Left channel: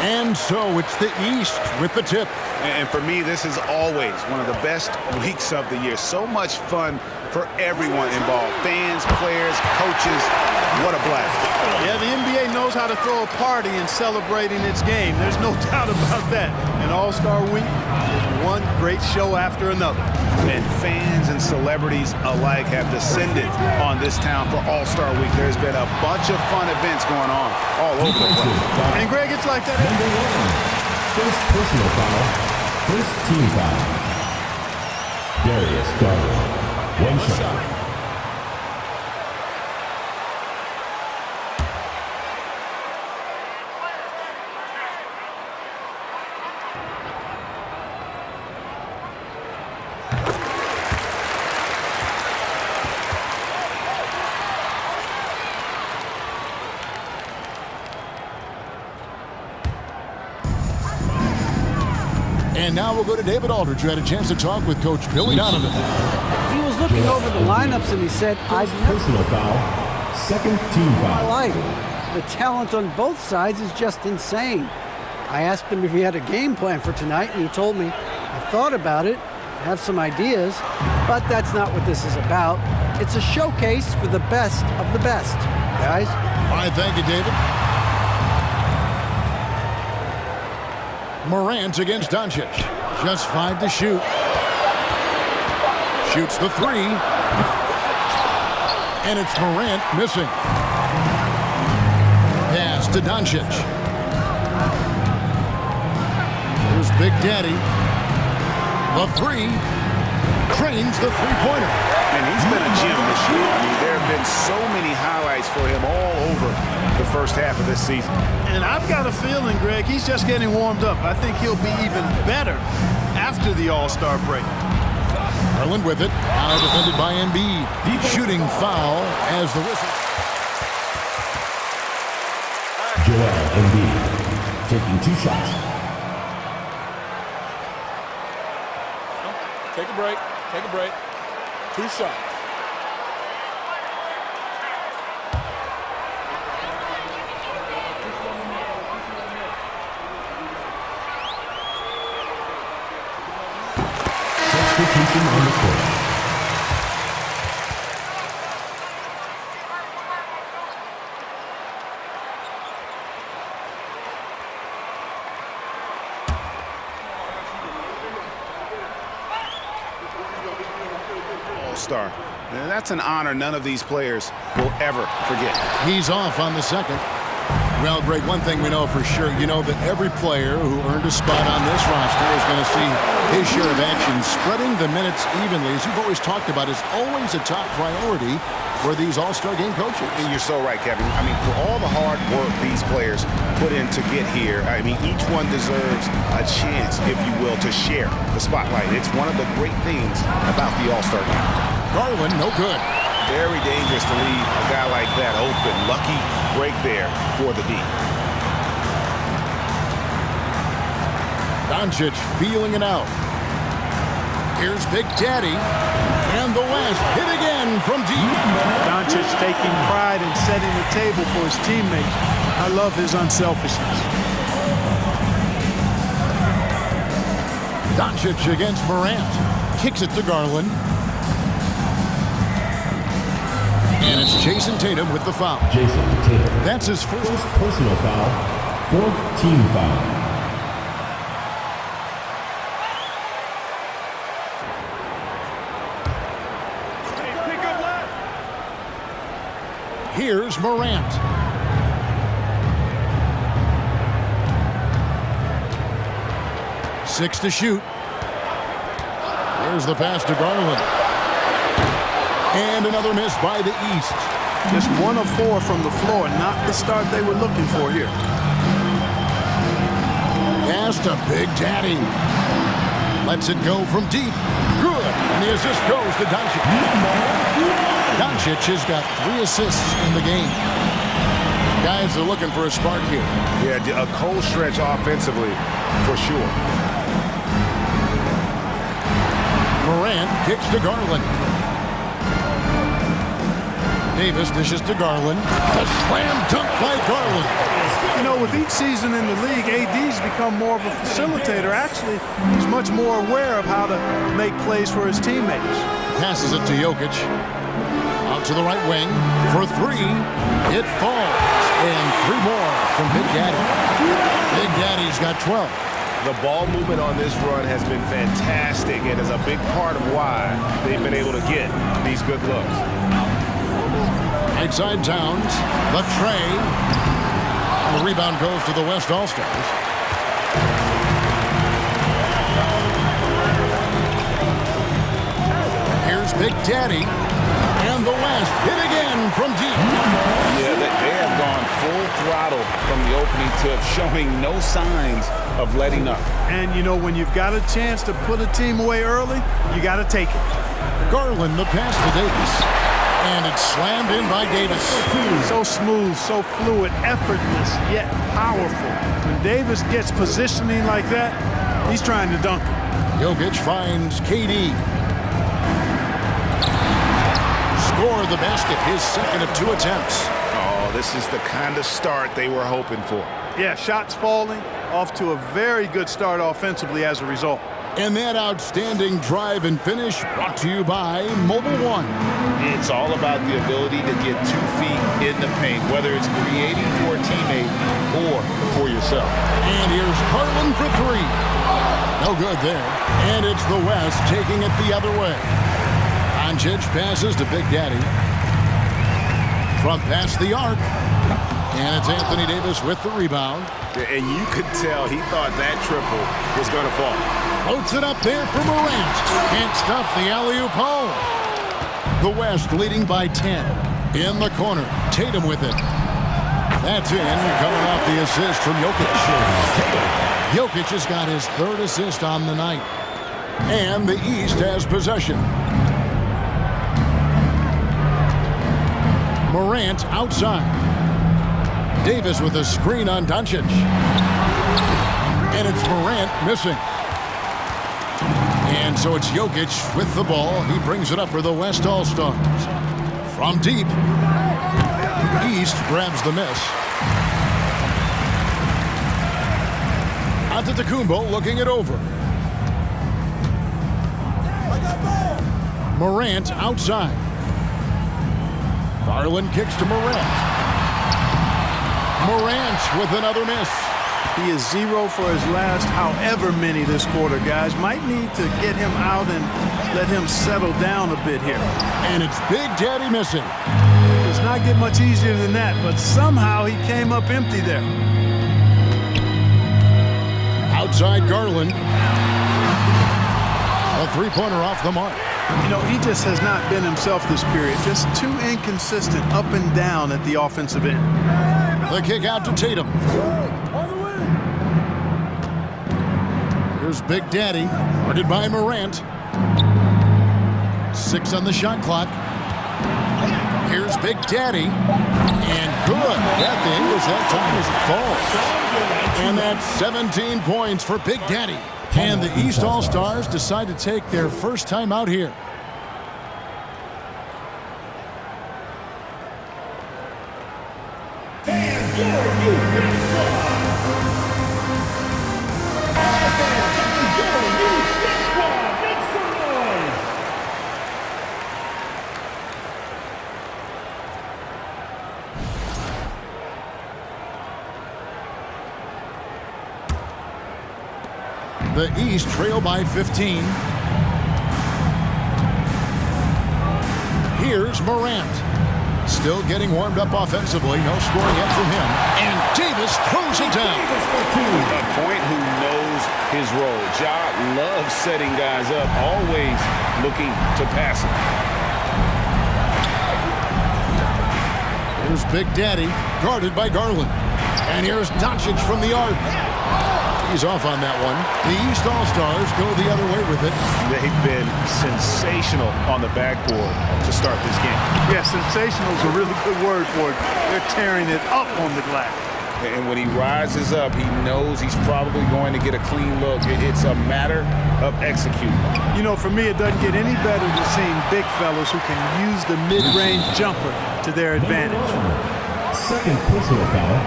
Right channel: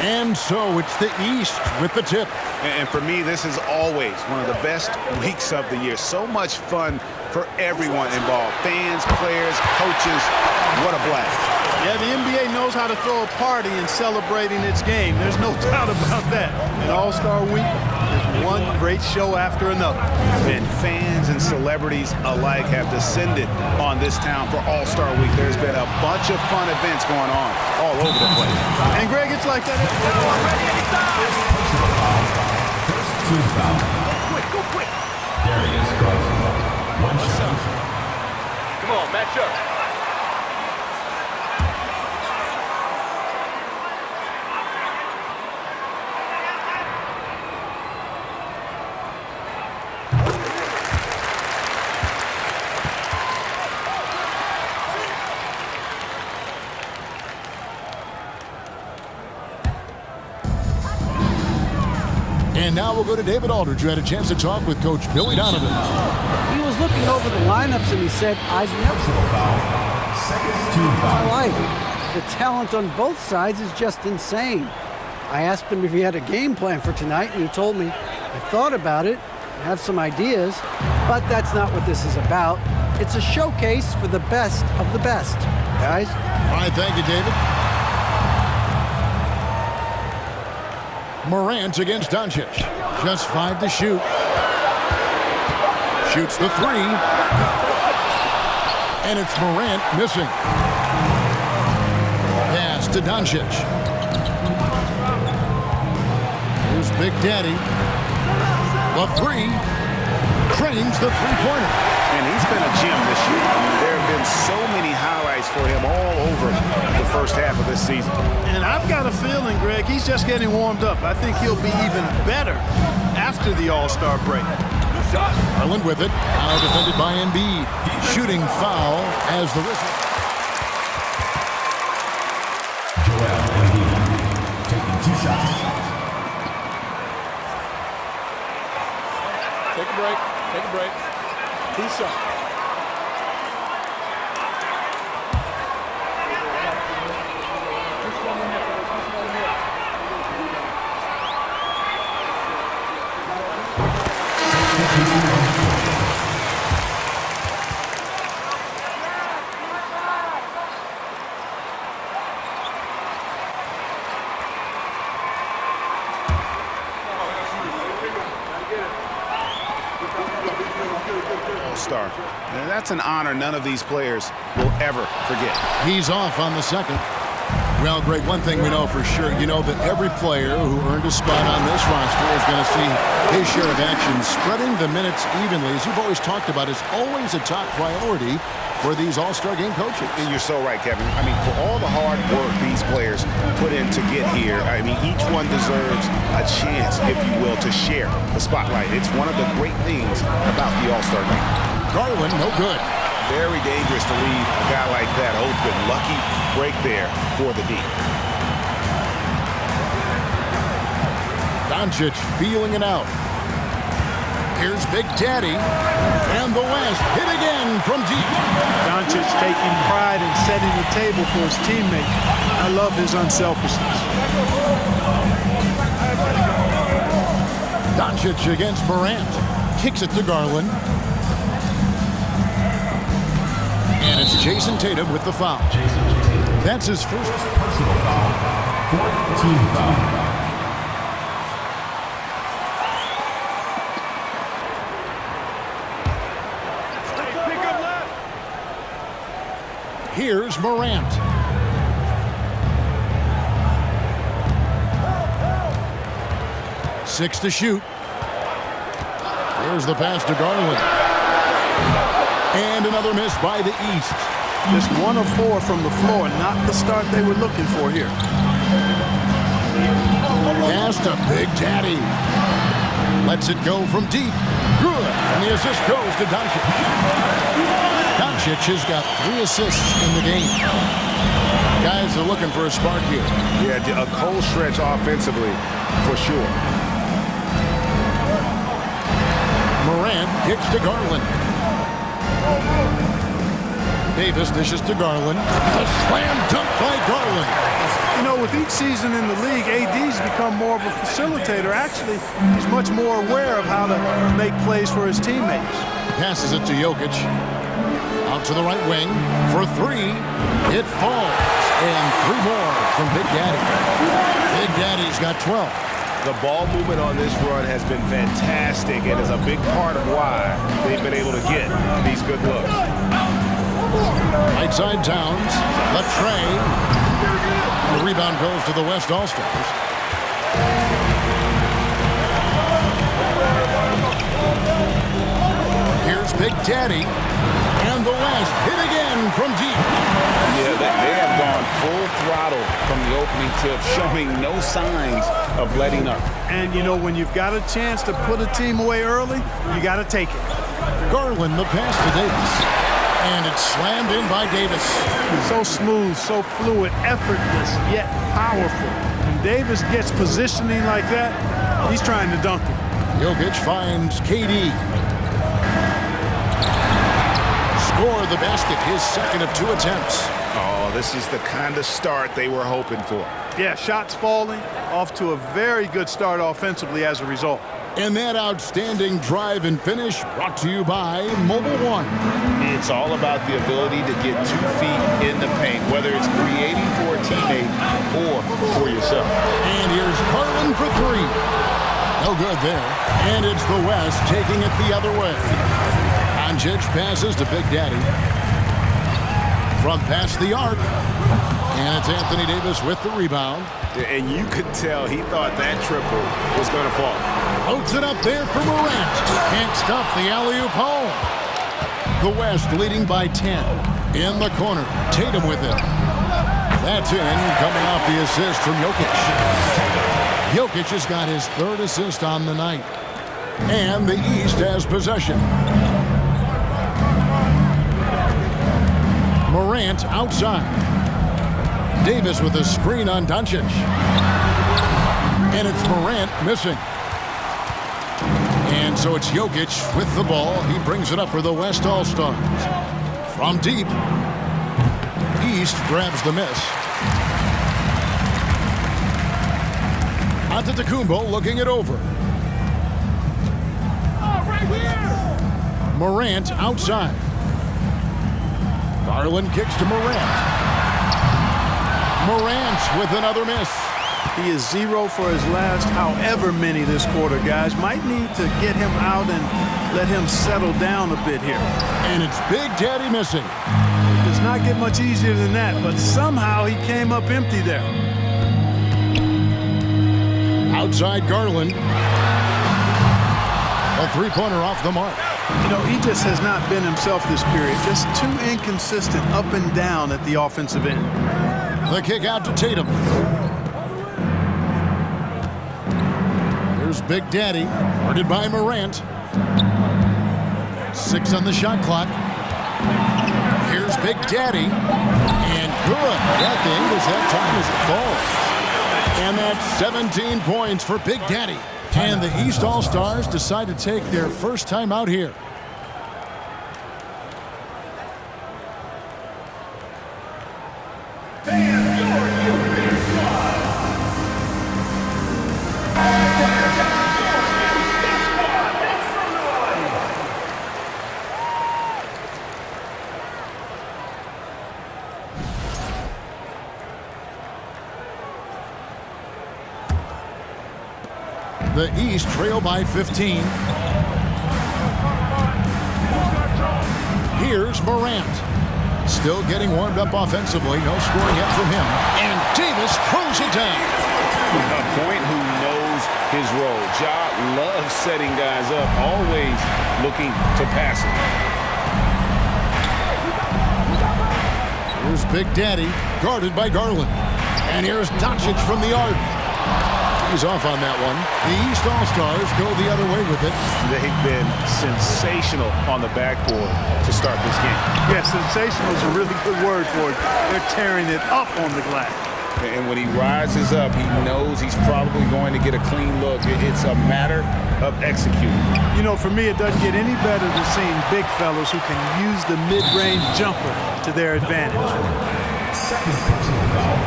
And so it's the East with the tip. And for me, this is always one of the best weeks of the year. So much fun for everyone involved. Fans, players, coaches. What a blast. Yeah, the NBA knows how to throw a party in celebrating its game. There's no doubt about that. And All-Star Week is one great show after another. And fans and celebrities alike have descended on this town for All-Star Week. There's been a bunch of fun events going on all over the place. And, Greg, it's like that. First personal foul. First team foul. Darius Garland. One shot. Come on, match up. And now we'll go to David Aldridge, who had a chance to talk with Coach Billy Donovan. He was looking over the lineups and he said, I've never Personal foul. Second team in my foul. life. The talent on both sides is just insane. I asked him if he had a game plan for tonight, and he told me, I thought about it, have some ideas, but that's not what this is about. It's a showcase for the best of the best, guys. All right, thank you, David. Morant against Doncic. Just 5 to shoot. Shoots the 3. And it's Morant missing. Pass to Doncic. Here's Big Daddy. The 3. Cranes the three-pointer. And he's been a gem this year. I mean, there have been so many highlights for him all over the first half of this season. And I've got a feeling, Greg, he's just getting warmed up. I think he'll be even better after the All-Star break. Garland with it. Now defended by Embiid. Shooting foul as the whistle. Joel Embiid taking 2 shots. Take a break. Take a break. 2 shots. Substitution on the court. All-Star. And that's an honor none of these players will ever forget. He's off on the second. Well, Greg, one thing we know for sure, you know that every player who earned a spot on this roster is going to see his share of action. Spreading the minutes evenly, as you've always talked about, is always a top priority for these All-Star game coaches. And you're so right, Kevin. I mean, for all the hard work these players put in to get here, I mean, each one deserves a chance, if you will, to share the spotlight. It's one of the great things about the All-Star game. Garland, no good. Very dangerous to leave a guy like that open. Lucky break there for the D. Doncic feeling it out. Here's Big Daddy. And the West hit again from deep. Doncic taking pride in setting the table for his teammates. I love his unselfishness. Doncic against Morant. Kicks it to Garland. And it's Jason Tatum with the foul. Jason Tatum. That's his first Personal foul. 4th team foul. Pick up left. Here's Morant. Six to shoot. Here's the pass to Garland. And another miss by the East. Just 1 of 4 from the floor, not the start they were looking for here. Pass to Big Daddy. Lets it go from deep. Good. And the assist goes to Doncic. Doncic has got 3 assists in the game. Guys are looking for a spark here. Yeah, a cold stretch offensively for sure. Morant kicks to Garland. Davis dishes to Garland. A slam dunk by Garland. You know, with each season in the league, AD's become more of a facilitator. Actually, he's much more aware of how to make plays for his teammates. Passes it to Jokic. Out to the right wing for three. It falls. And 3 more from Big Daddy. Big Daddy's got 12. The ball movement on this run has been fantastic and is a big part of why they've been able to get these good looks. Right side Towns. The tray. And the rebound goes to the West All-Stars. Here's Big Daddy. And the West hit again from deep. Yeah, they have gone full throttle from the opening tip, showing no signs of letting up. And, you know, when you've got a chance to put a team away early, you got to take it. Garland, the pass to Davis. And it's slammed in by Davis. So smooth, so fluid, effortless, yet powerful. When Davis gets positioning like that, he's trying to dunk it. Jokic finds KD. Score the basket, his second of 2 attempts. Oh, this is the kind of start they were hoping for. Yeah, shots falling, off to a very good start offensively as a result. And that outstanding drive and finish brought to you by Mobile One. It's all about the ability to get 2 feet in the paint, whether it's creating for a teammate or for yourself. And here's Garland for 3. No good there. And it's the West taking it the other way. Doncic passes to Big Daddy. From past the arc. And it's Anthony Davis with the rebound. And you could tell he thought that triple was going to fall. Floats it up there for Morant. Can't stuff the alley-oop home. The West leading by 10. In the corner. Tatum with it. That's in, coming off the assist from Jokic. Jokic has got his 3rd assist on the night. And the East has possession. Morant outside. Davis with a screen on Doncic. And it's Morant missing. And so it's Jokic with the ball. He brings it up for the West All-Stars. From deep. East grabs the miss. Antetokounmpo looking it over. Morant outside. Garland kicks to Morant. Morant with another miss. He is 0 for his last however many this quarter, guys. Might need to get him out and let him settle down a bit here. And it's Big Daddy missing. Does not get much easier than that, but somehow he came up empty there. Outside Garland. A 3-pointer off the mark. You know, he just has not been himself this period. Just too inconsistent up and down at the offensive end. The kick out to Tatum. Here's Big Daddy, guarded by Morant. 6 on the shot clock. Here's Big Daddy. And good. Got the English that time as it falls. And that's 17 points for Big Daddy. And the East All-Stars decide to take their first time out here. The East trail by 15. Here's Morant. Still getting warmed up offensively. No scoring yet from him. And Davis throws it down. A point who knows his role. Ja loves setting guys up, always looking to pass him. Here's Big Daddy, guarded by Garland. And here's Doncic from the arc. He's off on that one. The East All-Stars go the other way with it. They've been sensational on the backboard to start this game. Yeah, sensational is a really good word for it. They're tearing it up on the glass. And when he rises up, he knows he's probably going to get a clean look. It's a matter of executing. You know, for me, it doesn't get any better than seeing big fellas who can use the mid-range jumper to their advantage. Second personal foul.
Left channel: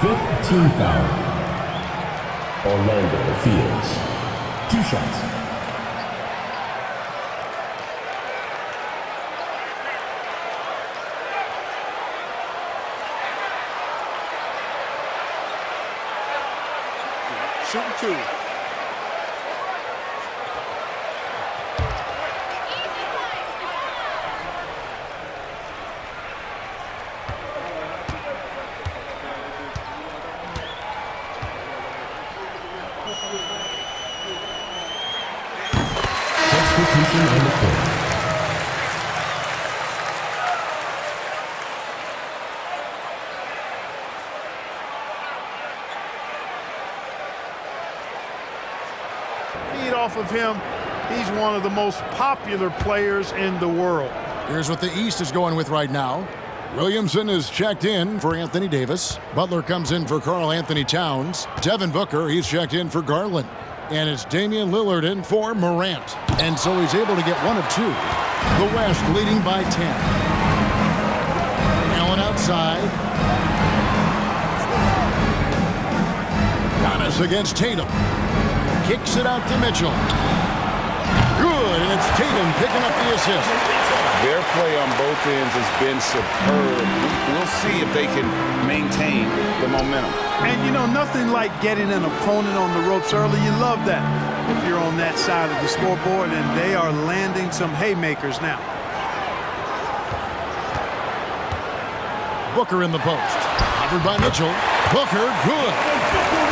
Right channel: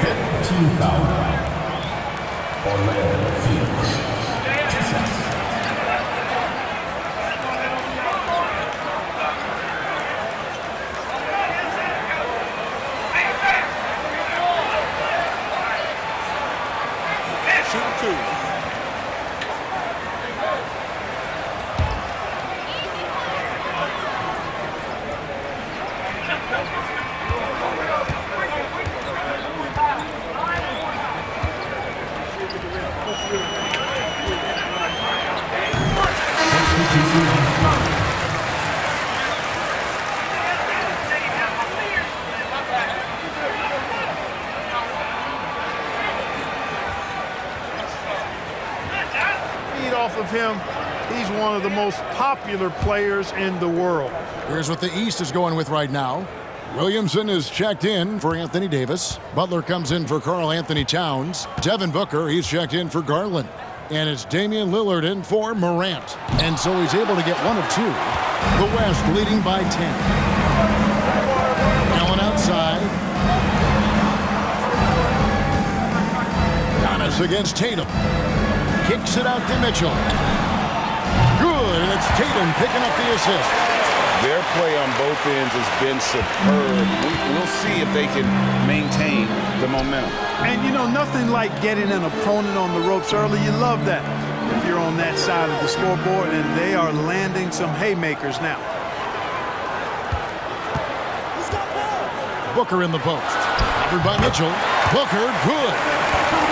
Fifth team foul. Orlando Fields. 2 shots. Shooting 2. Substitution on the court. Feed off of him. He's one of the most popular players in the world. Here's what the East is going with right now. Williamson is checked in for Anthony Davis. Butler comes in for Karl Anthony Towns. Devin Booker, he's checked in for Garland. And it's Damian Lillard in for Morant. And so he's able to get 1 of 2. The West leading by 10. Allen outside. Giannis against Tatum. Kicks it out to Mitchell. Good, and it's Tatum picking up the assist. Their play on both ends has been superb. We'll see if they can maintain the momentum. And, you know, nothing like getting an opponent on the ropes early. You love that if you're on that side of the scoreboard, and they are landing some haymakers now. Booker in the post. Covered by Mitchell. Booker, good.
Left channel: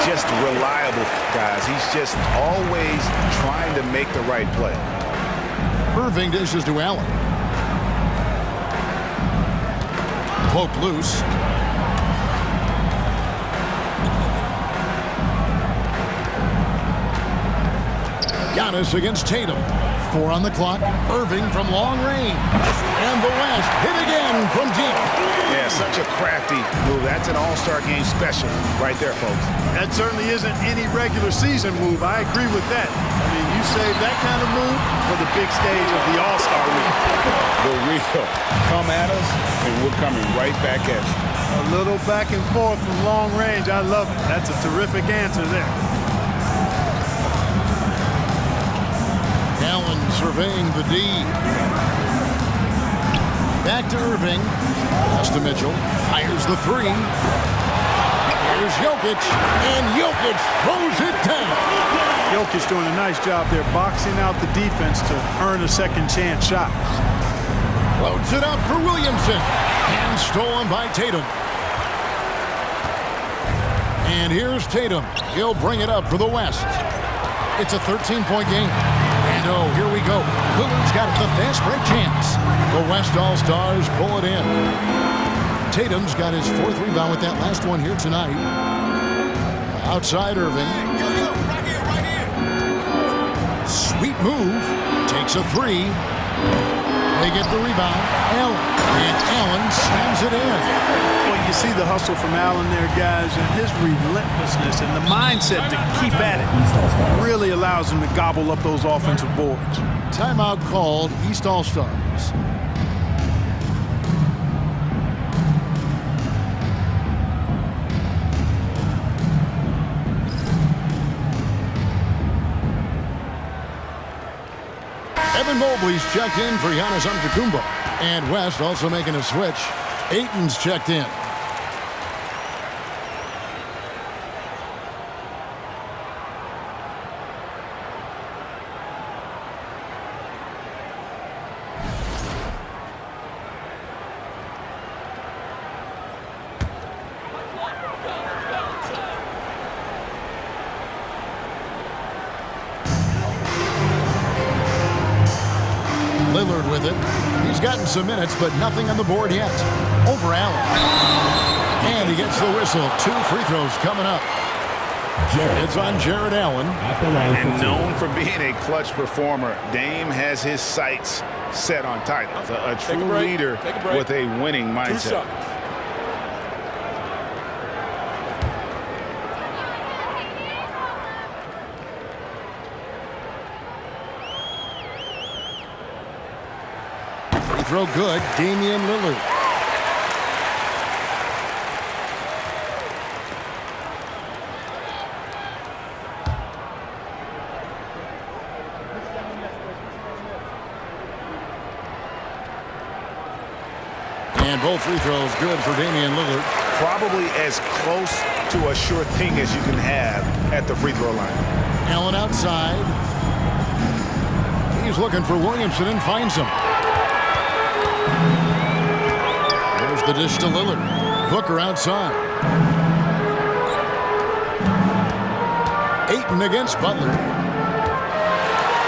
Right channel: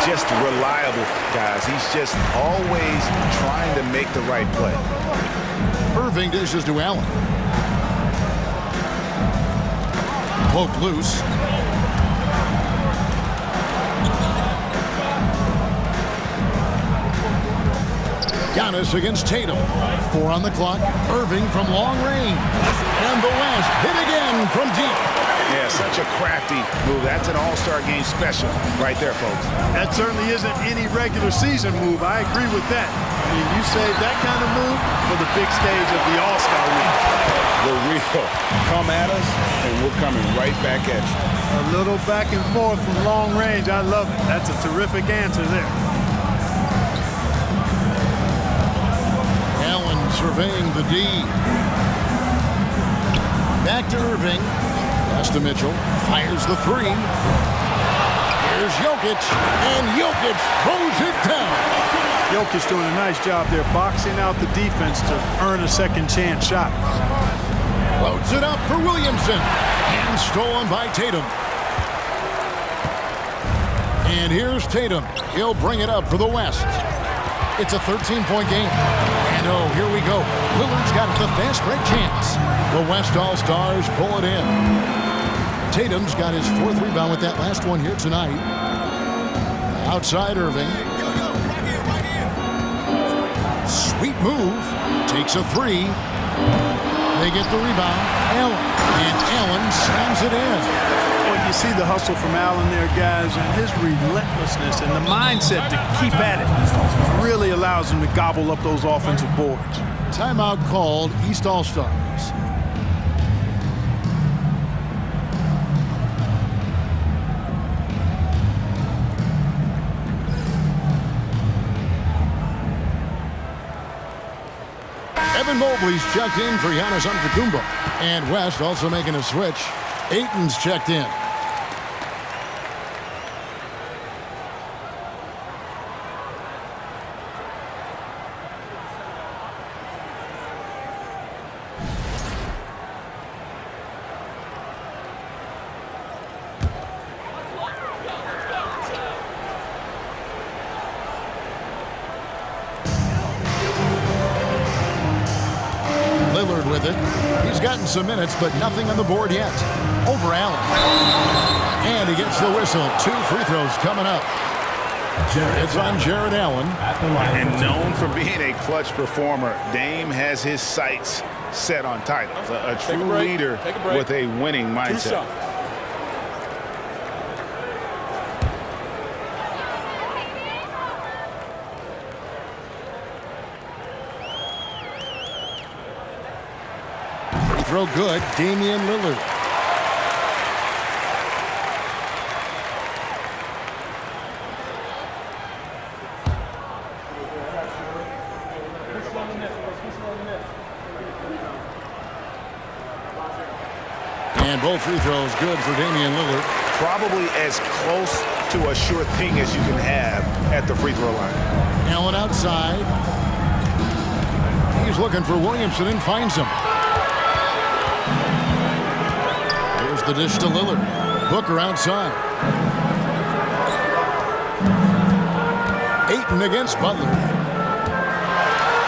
Just reliable, guys. He's just always trying to make the right play. Irving dishes to Allen. Poke loose. Giannis against Tatum. 4 on the clock. Irving from long range. And the West hit again from deep. Yeah, such a crafty move. That's an all-star game special right there, folks. That certainly isn't any regular season move. I agree with that. I mean, you save that kind of move for the big stage of the All-Star week. The real come at us, and we're coming right back at you. A little back and forth from long range. I love it. That's a terrific answer there. Allen surveying the D. Back to Irving. Pass to Mitchell. Fires the 3. Here's Jokic. And Jokic throws it down. Jokic doing a nice job there boxing out the defense to earn a second chance shot. Loads it up for Williamson. And stolen by Tatum. And here's Tatum. He'll bring it up for the West. It's a 13-point game. And oh, here we go. Lillard's got the fast break chance. The West All-Stars pull it in. Tatum's got his 4th rebound with that last one here tonight. Outside Irving. Sweet move. Takes a 3. They get the rebound. Allen. And Allen slams it in. Well, you see the hustle from Allen there, guys, and his relentlessness and the mindset to keep at it really allows him to gobble up those offensive boards. Timeout called, East All-Stars. Evan Mobley's checked in for Giannis Antetokounmpo. And West also making a switch. Ayton's checked in. Lillard with it. He's gotten some minutes, but nothing on the board yet. Over Allen. And he gets the whistle. 2 free throws coming up. It's on Jared Allen. And known for being a clutch performer, Dame has his sights set on titles. A true leader with a winning mindset. Throw good, Damian Lillard. And both free throws good for Damian Lillard. Probably as close to a sure thing as you can have at the free throw line. Allen outside. He's looking for Williamson and finds him. There's the dish to Lillard. Booker outside. Ayton against Butler.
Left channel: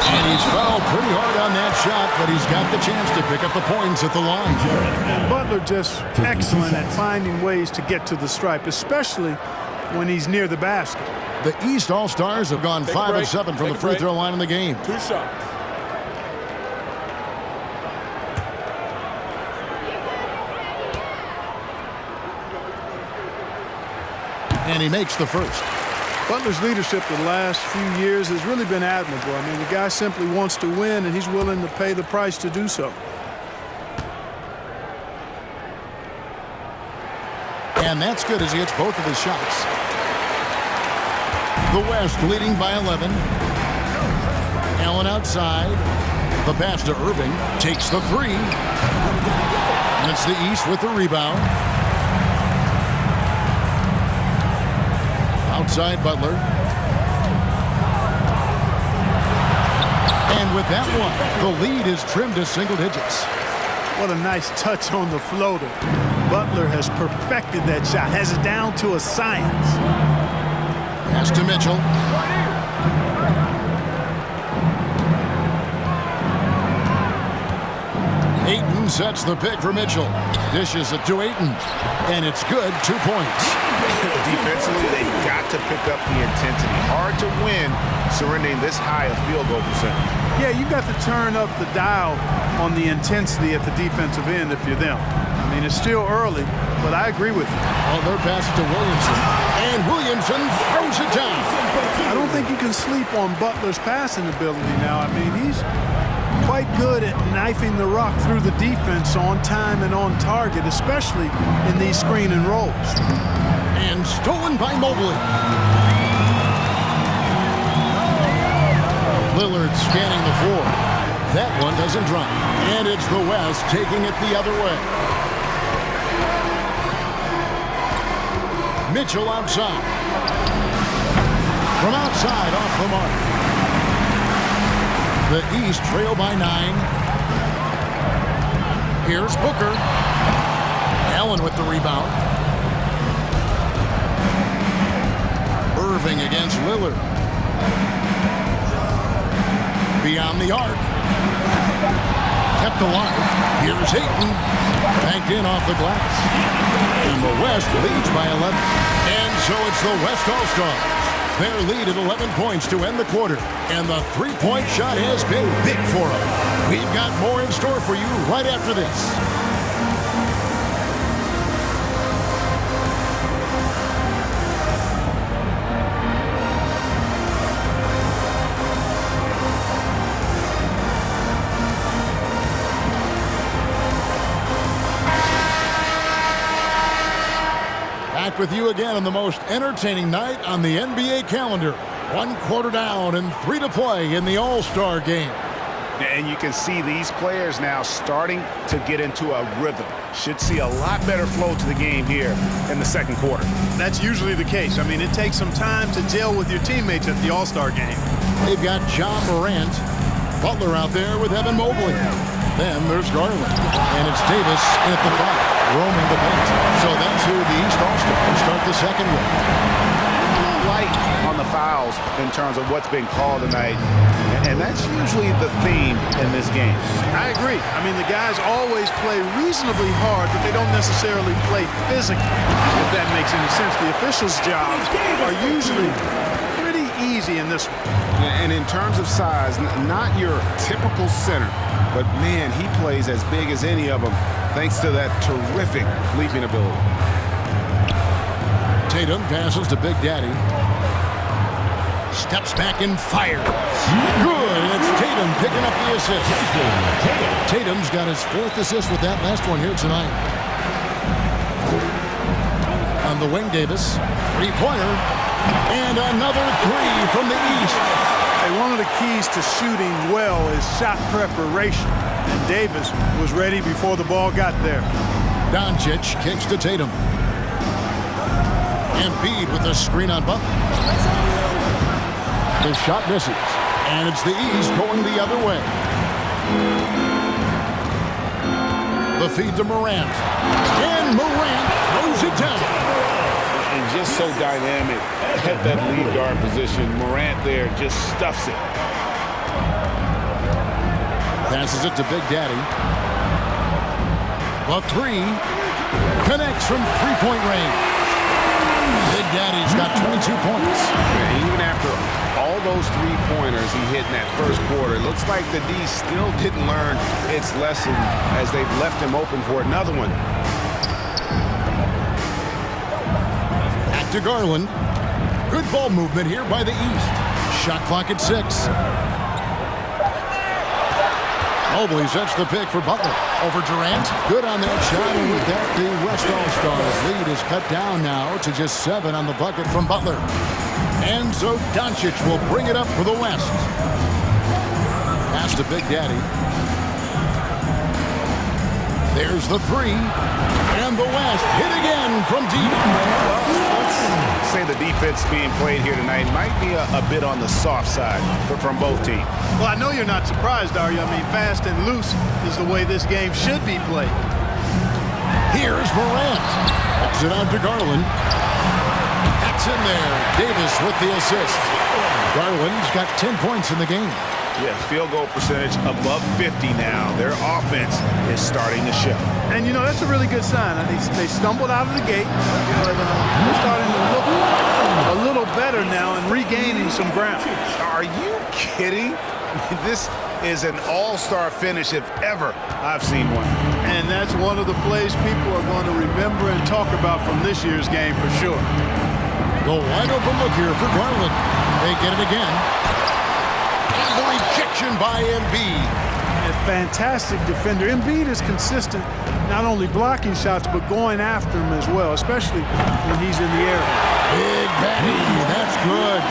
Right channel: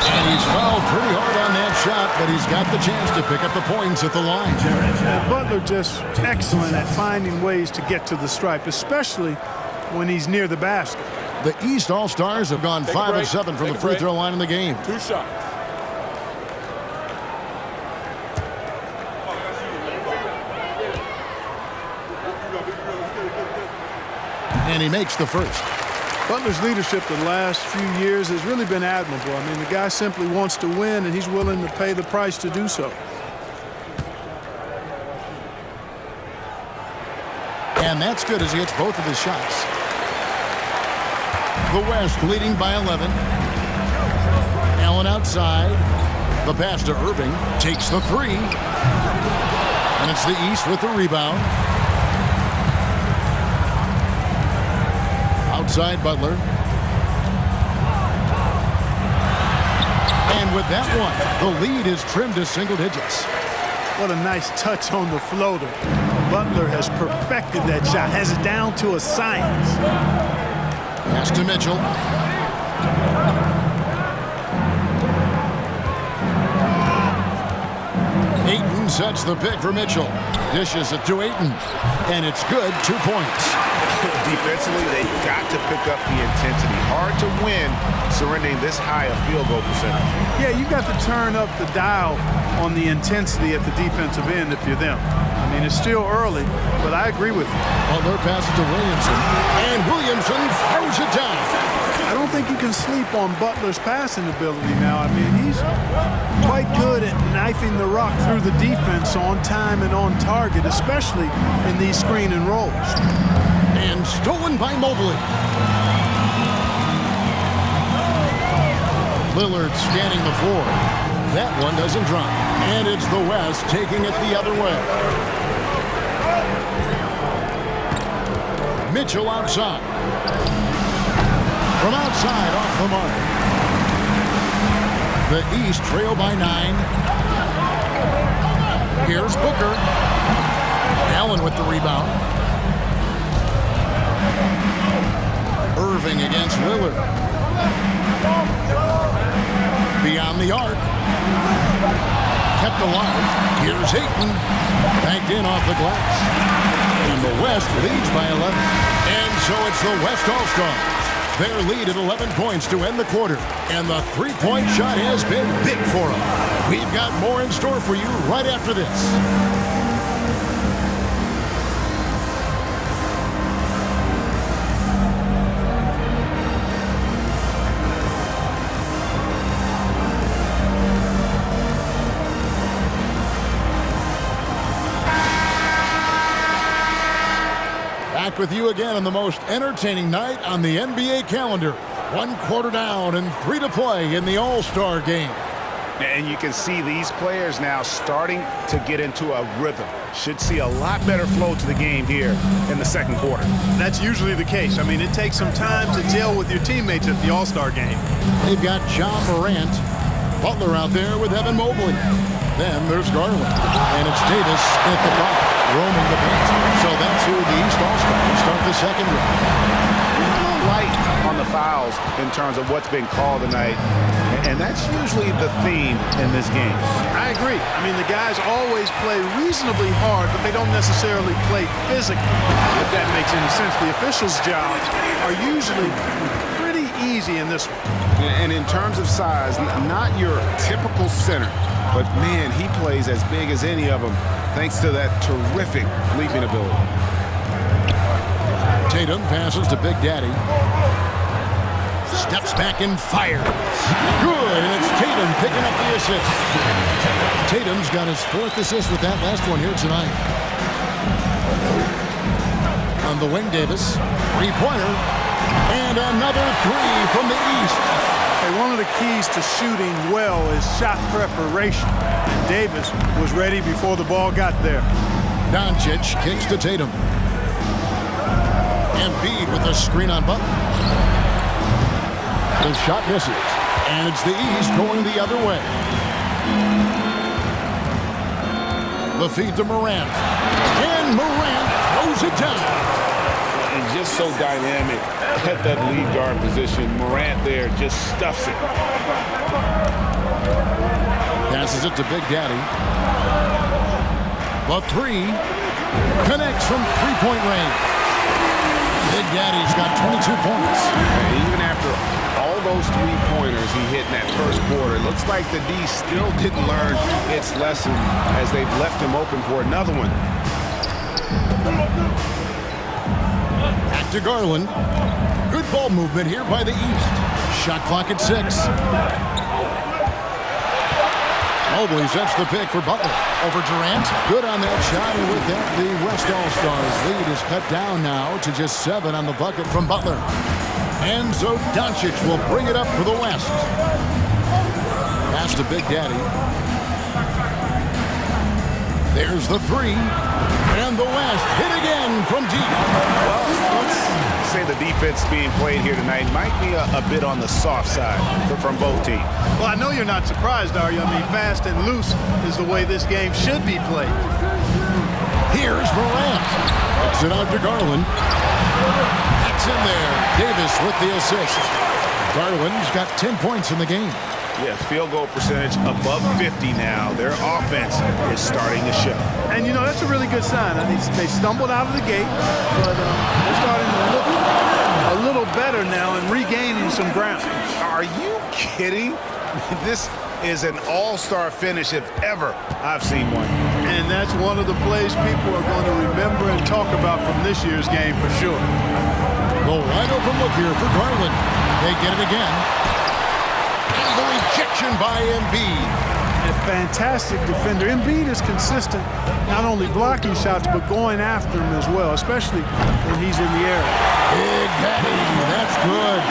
And he's fouled pretty hard on that shot, but he's got the chance to pick up the points at the line. And Butler just excellent at finding ways to get to the stripe, especially when he's near the basket. The East All-Stars have gone 5 of 7 from the free throw line in the game. 2 shots. And he makes the first. Butler's leadership the last few years has really been admirable. I mean, the guy simply wants to win, and he's willing to pay the price to do so. And that's good as he hits both of his shots. The West leading by 11. Allen outside. The pass to Irving. Takes the three. And it's the East with the rebound. Outside Butler. And with that one, the lead is trimmed to single digits. What a nice touch on the floater. Butler has perfected that shot, has it down to a science. Pass to Mitchell. Ayton sets the pick for Mitchell. Dishes it to Ayton. And it's good, 2 points. Defensively, they've got to pick up the intensity. Hard to win surrendering this high a field goal percentage. Yeah, you've got to turn up the dial on the intensity at the defensive end if you're them. I mean, it's still early, but I agree with you. Butler passes to Williamson, and Williamson throws it down. I don't think you can sleep on Butler's passing ability now. I mean, he's quite good at knifing the rock through the defense on time and on target, especially in these screen and rolls. And stolen by Mobley. Lillard scanning the floor. That one doesn't drop. And it's the West taking it the other way. Mitchell outside. From outside off the mark. The East trail by 9. Here's Booker. Allen with the rebound. Irving against Lillard. Beyond the arc. Kept alive. Here's Ayton. Banked in off the glass. And the West leads by 11. And so it's the West All-Stars. Their lead at 11 points to end the quarter. And the three-point shot has been big for them. We've got more in store for you right after this. Back with you again on the most entertaining night on the NBA calendar. 1 quarter down and 3 to play in the All-Star game. And you can see these players now starting to get into a rhythm. Should see a lot better flow to the game here in the second quarter. That's usually the case. I mean, it takes some time to gel with your teammates at the All-Star game. They've got John Morant. Butler out there with Evan Mobley. Then there's Garland. And it's Davis at the 5, roaming the paint. So that's who the East All-Stars start the second with. A little light on the fouls in terms of what's been called tonight. And that's usually the theme in this game. I agree. I mean, the guys always play reasonably hard, but they don't necessarily play physically, if that makes any sense. The officials' jobs are usually pretty easy in this one. And in terms of size, not your typical center, but man, he plays as big as any of them thanks to that terrific leaping ability. Tatum passes to Big Daddy. Steps back and fires. Good, and it's Tatum picking up the assist. Tatum's got his 4th assist with that last one here tonight. On the wing, Davis. 3-pointer. And another three from the East. Hey, one of the keys to shooting well is shot preparation. And Davis was ready before the ball got there. Doncic kicks to Tatum. Embiid with a screen on Butler. The shot misses. And it's the East going the other way. The feed to Morant. And Morant throws it down. And just so dynamic at that lead guard position. Morant there just stuffs it. Passes it to Big Daddy. The three connects from three-point range. Big Daddy's got 22 points. And even after all those three-pointers he hit in that first quarter, it looks like the D still didn't learn its lesson as they've left him open for another one. Back to Garland. Good ball movement here by the East. Shot clock at 6. Mobley sets the pick for Butler. Over Durant. Good on that shot, and with that, the West All-Stars lead is cut down now to just 7 on the bucket from Butler. And so Doncic will bring it up for the West. Pass to Big Daddy. There's the three. And the West hit again from deep. Well, let's say the defense being played here tonight might be a bit on the soft side from both teams. Well, I know you're not surprised, are you? I mean, fast and loose is the way this game should be played. Here's Morant. Exit out to Garland. That's in there. Davis with the assist. Garland's got 10 points in the game. Yeah, field goal percentage above 50 now. Their offense is starting to show. And, you know, that's a really good sign. They stumbled out of the gate, but they're starting to look a little better now and regaining some ground. Are you kidding? I mean, this is an all-star finish if ever I've seen one. And that's one of the plays people are going to remember and talk about from this year's game for sure. The wide open look here for Garland. They get it again. And the rejection by Embiid. A fantastic defender. Embiid is consistent, not only blocking shots, but going after them as well, especially when he's in the area. Big Daddy, that's good.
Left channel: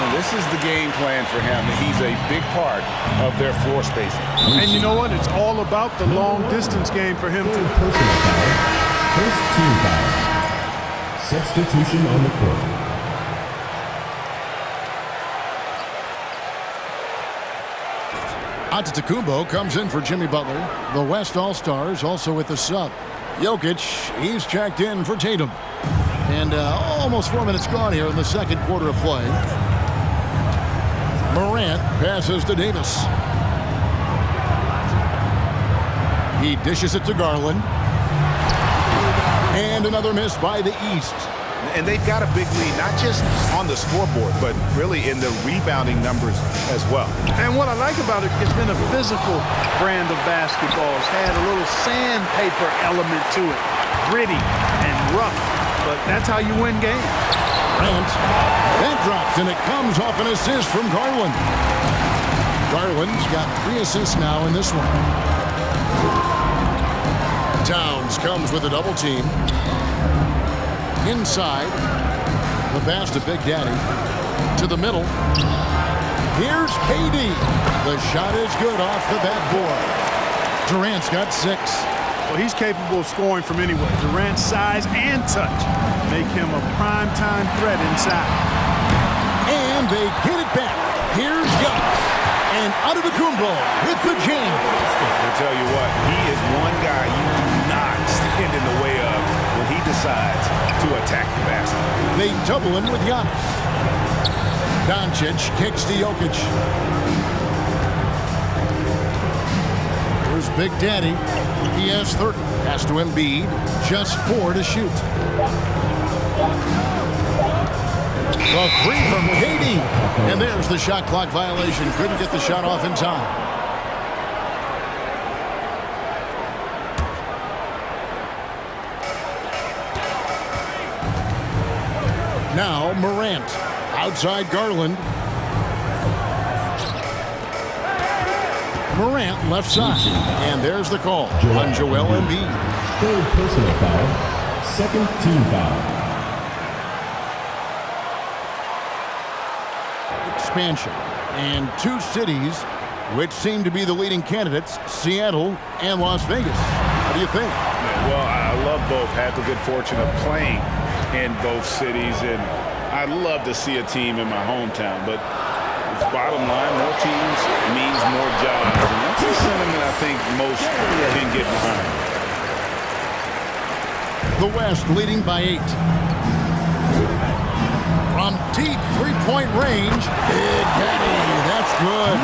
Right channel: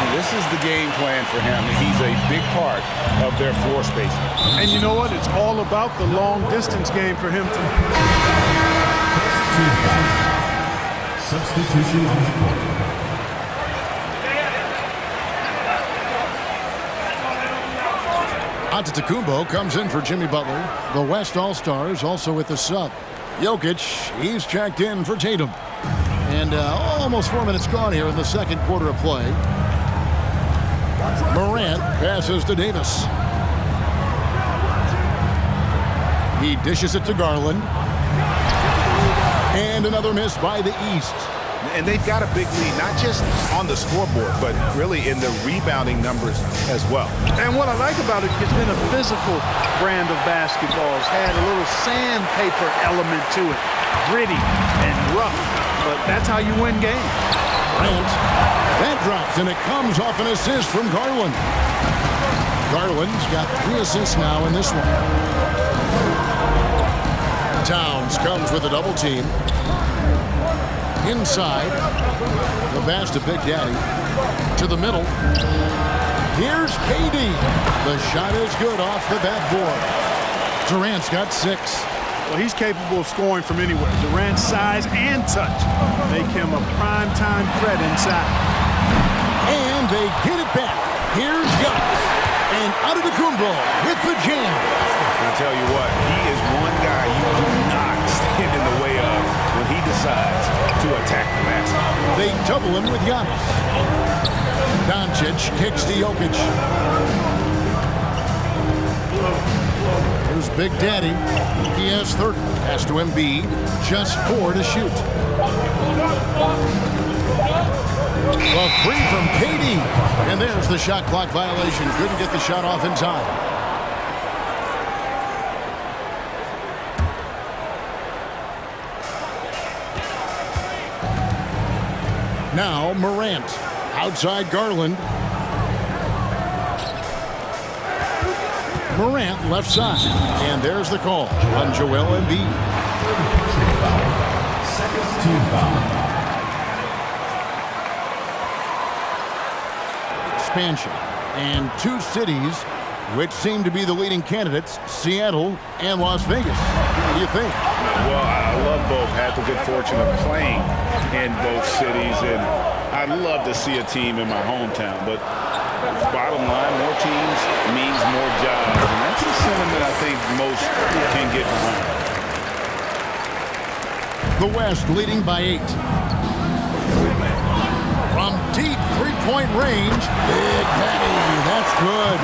And this is the game plan for him. He's a big part of their floor spacing. And you know what? It's all about the long distance game for him to. Personal foul. First team foul. Substitution on the court. Antetokounmpo comes in for Jimmy Butler. The West All-Stars also with the sub. Jokic, he's checked in for Tatum. And almost 4 minutes gone here in the second quarter of play. Morant passes to Davis. He dishes it to Garland. And another miss by the East. And they've got a big lead, not just on the scoreboard, but really in the rebounding numbers as well. And what I like about it, it's been a physical brand of basketball. It's had a little sandpaper element to it. Gritty and rough, but that's how you win games. Grant, that drops, and it comes off an assist from Garland. Garland's got 3 assists now in this one. Towns comes with a double team. Inside, the pass to Big Daddy. To the middle. Here's KD. The shot is good off the backboard. Durant's got 6. Well, he's capable of scoring from anywhere. Durant's size and touch make him a prime-time threat inside. And they get it back. Here's Giannis. And Antetokounmpo with the jam. I'll tell you what, he is one guy you do not stand in the way of when he decides to attack the basket. They double him with Giannis. Doncic kicks to Jokic. Here's Big Daddy. He has 30. Pass to Embiid. Just 4 to shoot. The three from KD. And there's the shot clock violation. Couldn't get the shot off in time. Now Morant. Outside Garland. Morant left side. And there's the call on Joel Embiid. Third personal foul. Second team foul. expansion. And two cities which seem to be the leading candidates, Seattle and Las Vegas. What do you think? Well, I love both. Had the good fortune of playing in both cities, and I'd love to see a team in my hometown. But bottom line, more teams means more jobs, and that's a sentiment I think most can get behind. The West leading by 8. From deep three-point range, Big Daddy, that's good.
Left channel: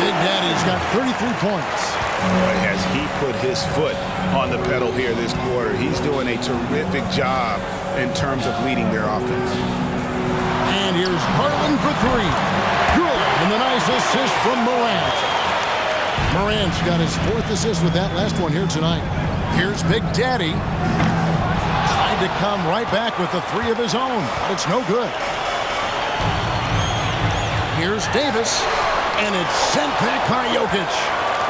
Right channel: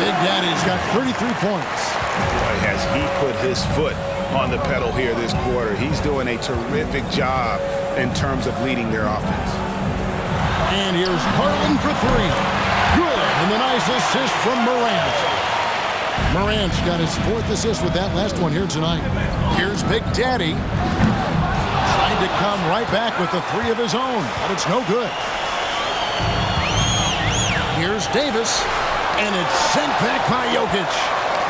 Big Daddy's got 33 points. Boy, has he put his foot on the pedal here this quarter. He's doing a terrific job in terms of leading their offense. And here's Garland for 3. Good, and the nice assist from Morant. Morant's got his 4th assist with that last one here tonight. Here's Big Daddy. Tried to come right back with the 3 of his own, but it's no good. Here's Davis, and it's sent back by Jokic.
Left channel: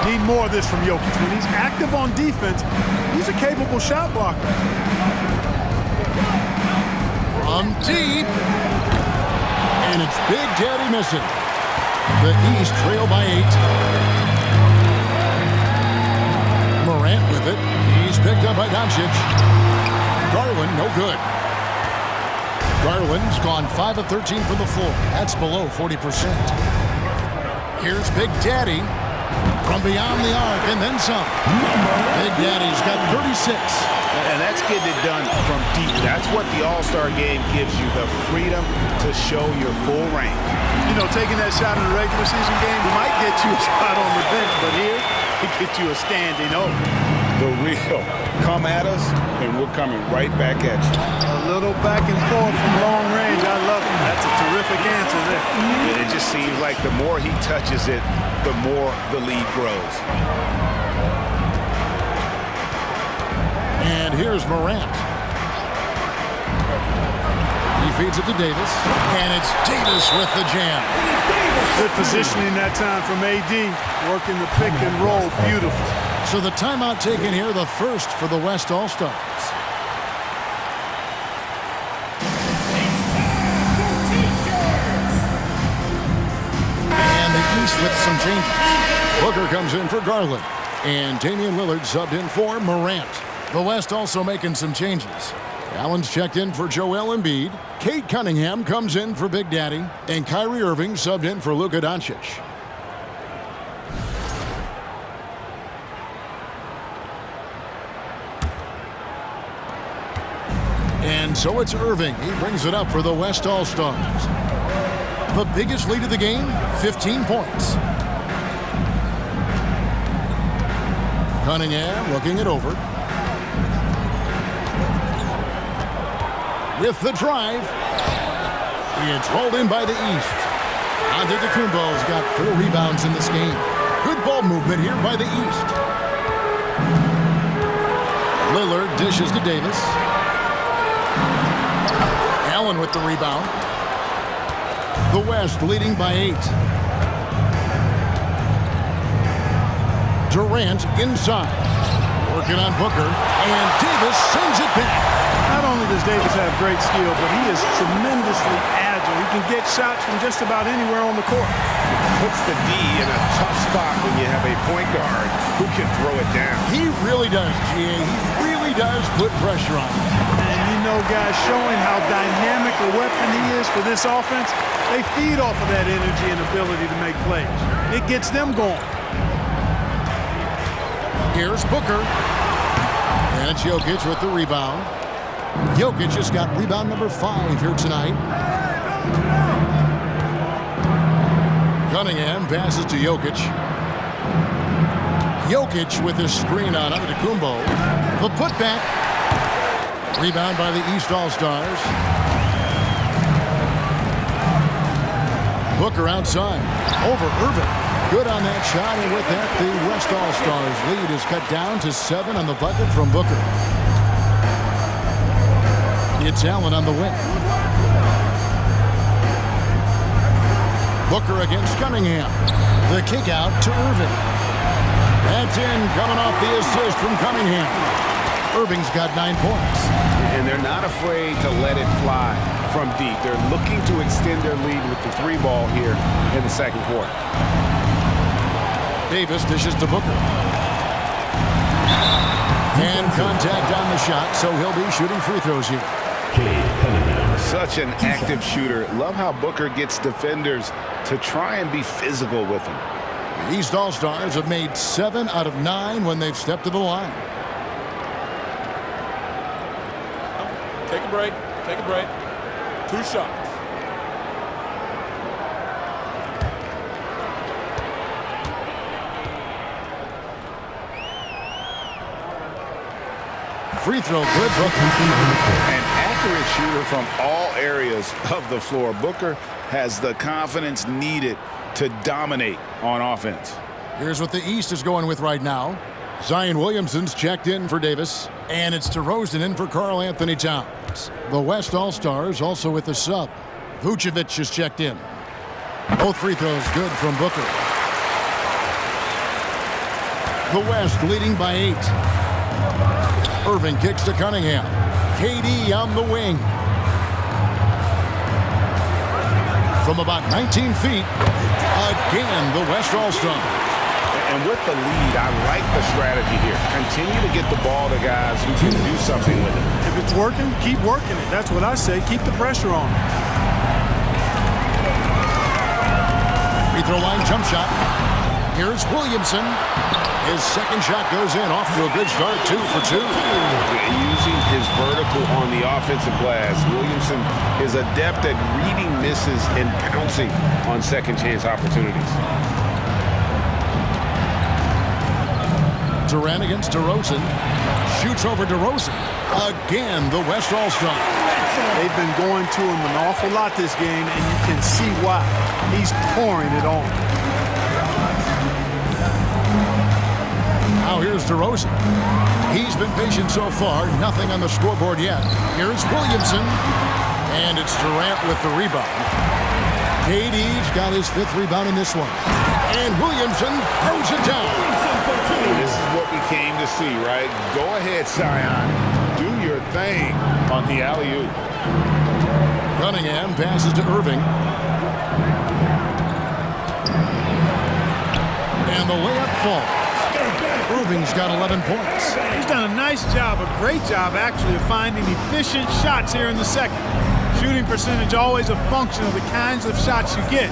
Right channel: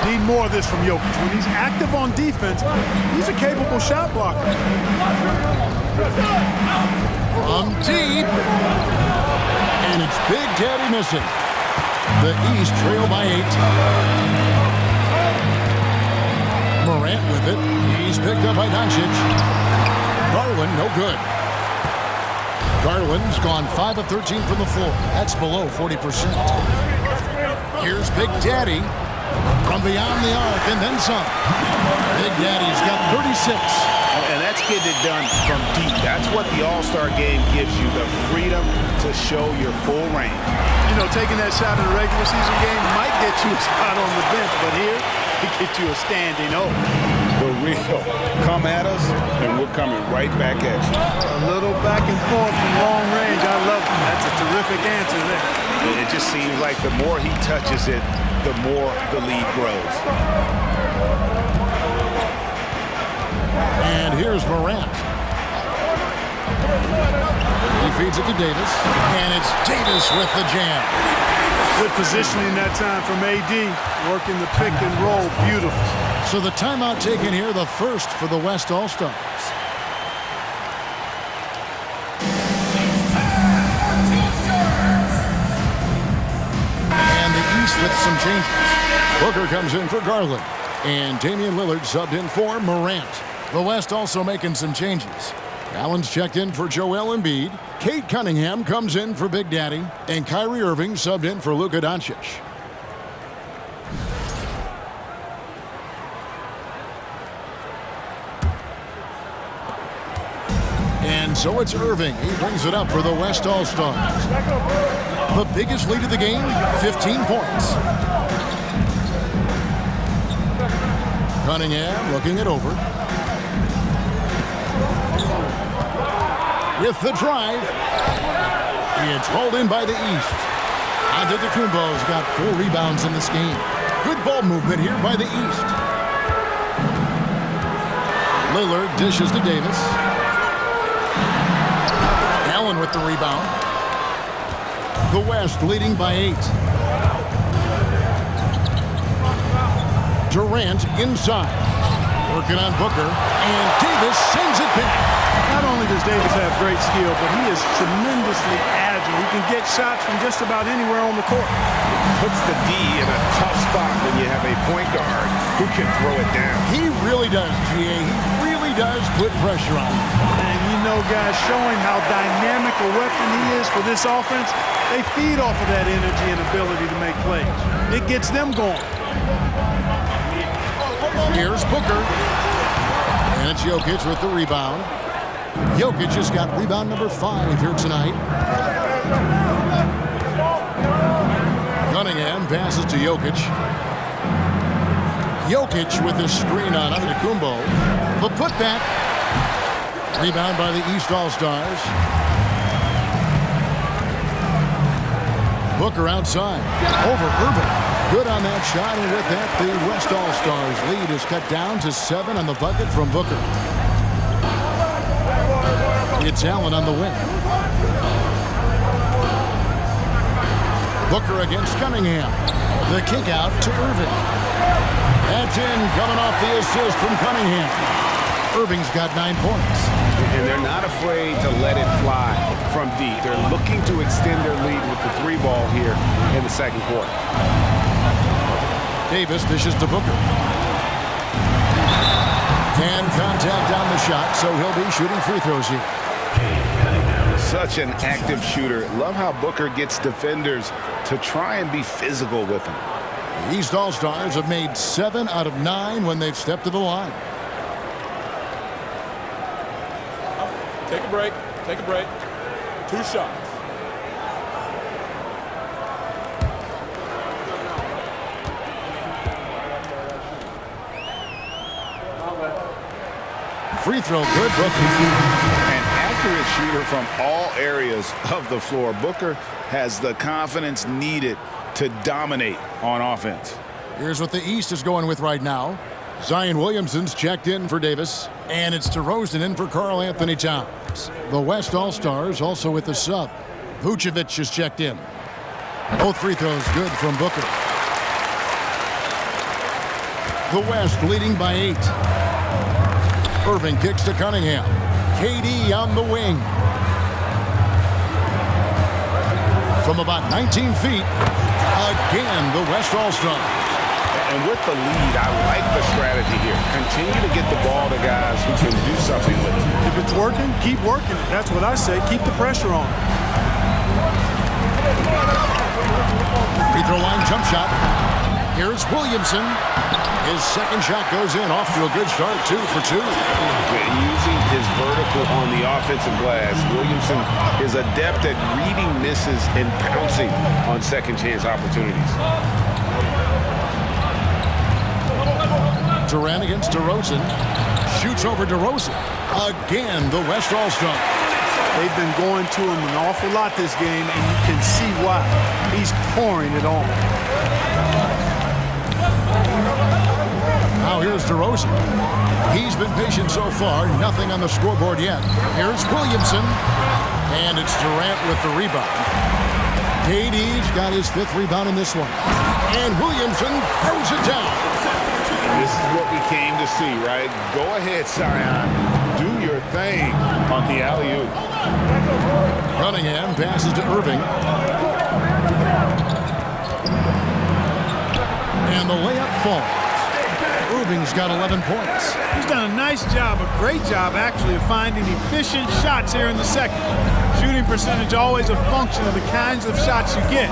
Need more of this from Jokic. When he's active on defense, he's a capable shot blocker. From deep, and it's Big Daddy missing. The East trail by 8. Morant with it. He's picked up by Doncic. Garland, no good. Garland's gone 5 of 13 from the floor. That's below 40%. Here's Big Daddy from beyond the arc and then some. Big Daddy's got 36. And that's getting it done from deep. That's what the All-Star game gives you, the freedom to show your full range. You know, taking that shot in a regular season game might get you a spot on the bench, but here, it gets you a standing O. The real come at us, and we're coming right back at you. A little back and forth from long range. I love it. That's a terrific answer there. It just seems like the more he touches it, the more the lead grows. And here's Morant. He feeds it to Davis, and it's Davis with the jam. Good positioning that time from AD, working the pick and roll, beautiful. So the timeout taken here, the first for the West All-Stars. And the East with some changes. Booker comes in for Garland, and Damian Lillard subbed in for Morant. The West also making some changes. Allen's checked in for Joel Embiid. Cade Cunningham comes in for Big Daddy. And Kyrie Irving subbed in for Luka Doncic. And so it's Irving. He brings it up for the West All-Stars. The biggest lead of the game, 15 points. Cunningham looking it over. With the drive. It's hauled in by the East. Antetokounmpo's got 4 rebounds in this game. Good ball movement here by the East. Lillard dishes to Davis. Allen with the rebound. The West leading by 8. Durant inside. Working on Booker. And Davis sends it back. Not only does Davis have great skill, but he is tremendously agile. He can get shots from just about anywhere on the court. Puts the D in a tough spot when you have a point guard who can throw it down. He really does, GA. He really does put pressure on him. And you know, guys, showing how dynamic a weapon he is for this offense, they feed off of that energy and ability to make plays. It gets them going. Here's Booker. And it's Jokic with the rebound. Jokic just got rebound number 5 here tonight. Cunningham passes to Jokic. Jokic with his screen on Antetokounmpo. The putback. Rebound by the East All-Stars. Booker outside. Over Irving. Good on that shot, and with that, the West All-Stars lead is cut down to 7 on the bucket from Booker. It's Allen on the wing. Booker against Cunningham. The kick out to Irving. That's in, coming off the assist from Cunningham. Irving's got 9 points. And they're not afraid to let it fly from deep. They're looking to extend their lead with the 3-ball here in the second quarter. Davis dishes to Booker. And contact on the shot, so he'll be shooting free throws here. Such an active shooter. Love how Booker gets defenders to try and be physical with him. The East All-Stars have made 7 out of 9 when they've stepped to the line. Take a break. Take a break. 2 shots. Free throw good, Booker. An accurate shooter from all areas of the floor. Booker has the confidence needed to dominate on offense. Here's what the East is going with right now. Zion Williamson's checked in for Davis, and it's DeRozan in for Karl Anthony Towns. The West All-Stars also with the sub. Vucevic is checked in. Both free throws good from Booker. The West leading by 8. Irving kicks to Cunningham. KD on the wing. From about 19 feet, again the West All-Stars. And with the lead, I like the strategy here. Continue to get the ball to guys who can do something with it. If it's working, keep working it. That's what I say. Keep the pressure on. Free throw line jump shot. Here's Williamson. His second shot goes in, off to a good start, 2 for 2. Using his vertical on the offensive glass, Williamson is adept at reading misses and pouncing on second chance opportunities. Durant against DeRozan. Shoots over DeRozan. Again, the West All-Star. They've been going to him an awful lot this game, and you can see why. He's pouring it on. Now here's DeRozan. He's been patient so far. Nothing on the scoreboard yet. Here's Williamson. And it's Durant with the rebound. KD's got his 5th rebound in this one. And Williamson throws it down. And this is what we came to see, right? Go ahead, Zion. Do your thing on the alley-oop. Cunningham passes to Irving. And the layup falls. Irving's got 11 points. He's done a nice job, a great job actually, of finding efficient shots here in the second. Shooting percentage always a function of the kinds of shots you get.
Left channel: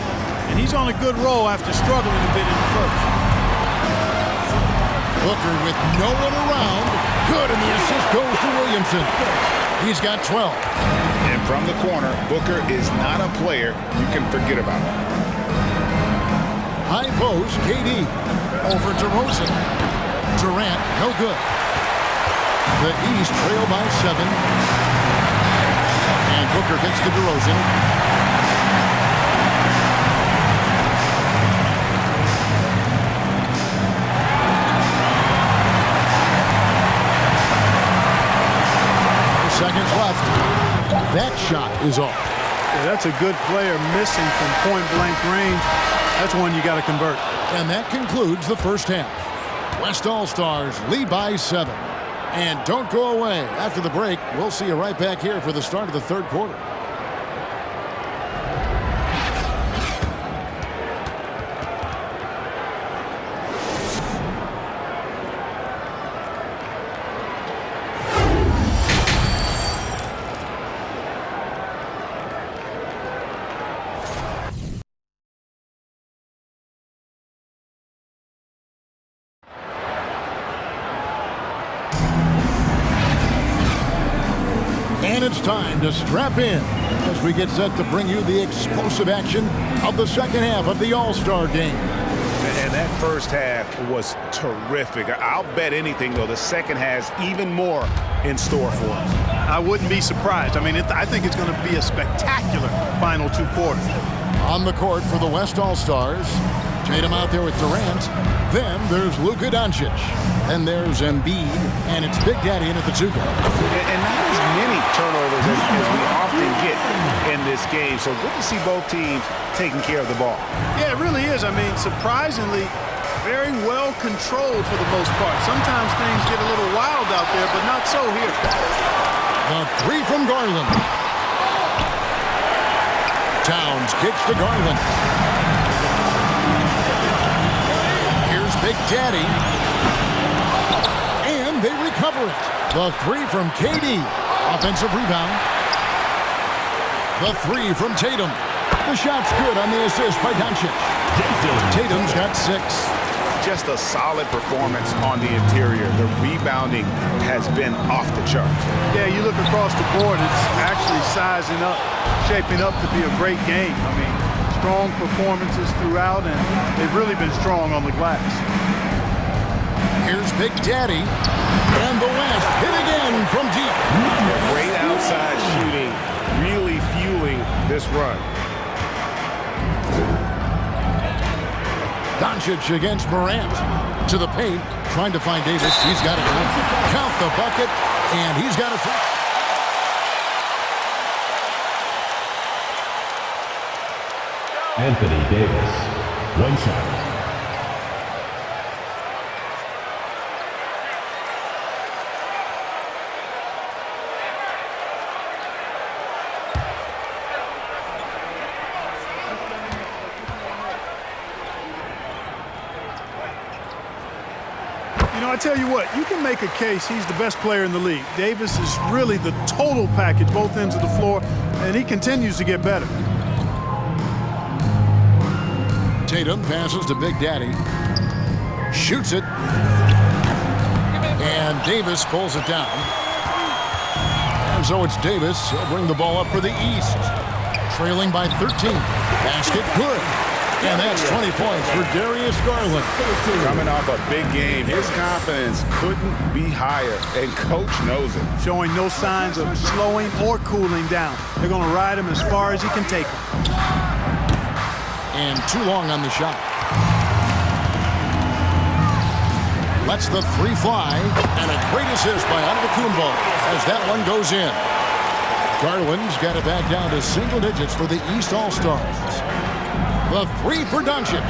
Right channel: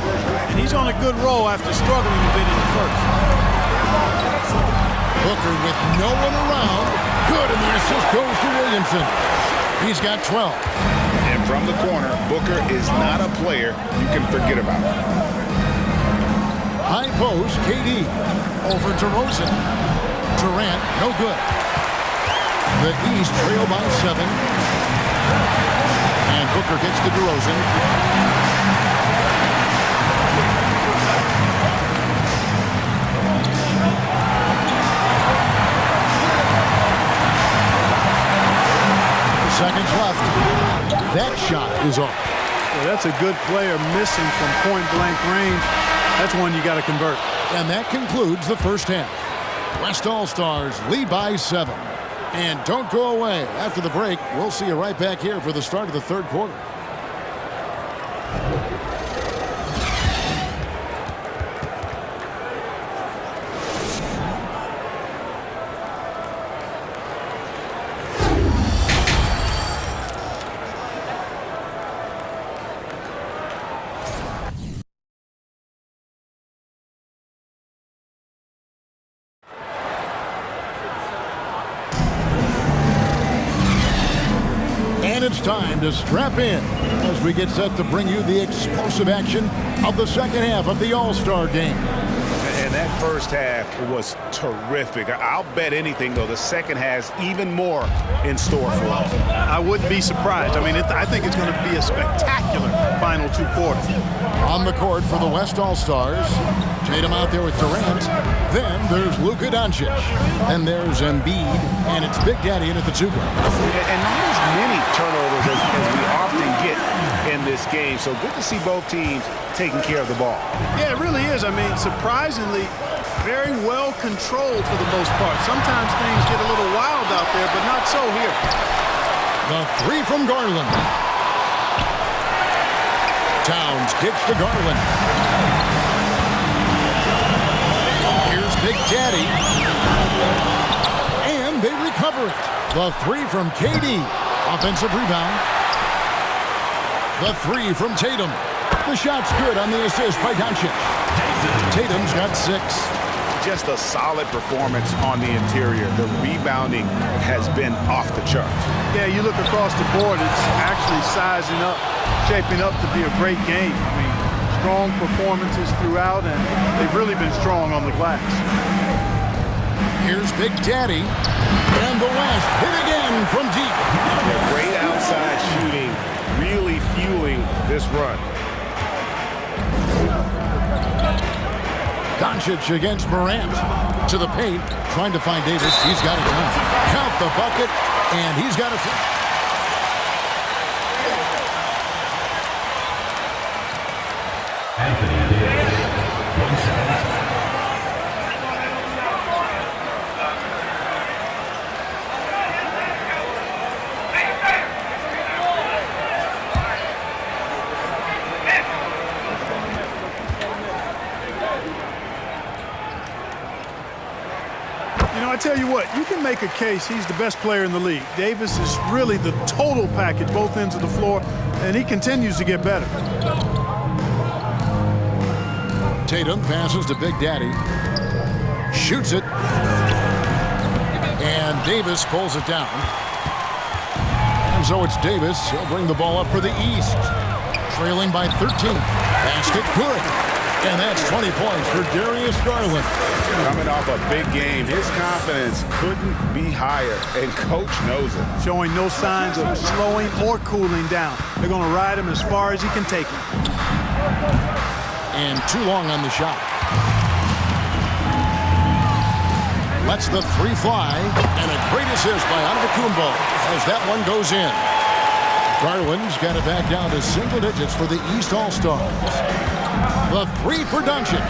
And he's on a good roll after struggling a bit in the first. Booker with no one around. Good, and the assist goes to Williamson. He's got 12. And from the corner, Booker is not a player you can forget about. High post, KD. Over DeRozan. Durant, no good. The East trail by 7. And Booker gets to DeRozan. Seconds left. That shot is off. Well, that's a good player missing from point-blank range. That's one you got to convert. And that concludes the first half. West All-Stars lead by 7. And don't go away. After the break, we'll see you right back here for the start of the third quarter. And it's time to strap in as we get set to bring you the explosive action of the second half of the All-Star game. And that first half was terrific. I'll bet anything, though, the second has even more in store for us. I wouldn't be surprised. I mean, I think it's going to be a spectacular final 2 quarters. On the court for the West All-Stars, Tatum out there with Durant. Then there's Luka Doncic. Then there's Embiid, and it's Big Daddy in at the 2 guard. And not as many turnovers as we often get in this game. So good to see both teams taking care of the ball. Yeah, it really is. I mean, surprisingly, very well controlled for the most part. Sometimes things get a little wild out there, but not so here. The three from Garland. Towns kicks to Garland. Here's Big Daddy. And they recover it. The three from KD. Offensive rebound. The three from Tatum. The shot's good on the assist by Doncic. Tatum's got 6. Just a solid performance on the interior. The rebounding has been off the charts. Yeah, you look across the board, it's actually sizing up, shaping up to be a great game. I mean, strong performances throughout, and they've really been strong on the glass. Here's Big Daddy. And the West hit again from deep. They're great outside shooting, really fueling this run. Doncic against Morant. To the paint, trying to find Davis. He's got it now. Count the bucket, and he's got it. Anthony Davis, 1 shot. You know, I tell you what, you can make a case he's the best player in the league. Davis is really the total package, both ends of the floor, and he continues to get better. Tatum passes to Big Daddy. Shoots it. And Davis pulls it down. And so it's Davis. He'll bring the ball up for the East. Trailing by 13. Basket good. And that's 20 points for Darius Garland. Coming off a big game, his confidence couldn't be higher, and Coach knows it. Showing no signs of slowing or cooling down. They're going to ride him as far as he can take him. And too long on the shot. Lets the three fly. And a great assist by Antetokounmpo as that one goes in. Garland's got it back down to single digits for the East All-Stars. The three for Doncic.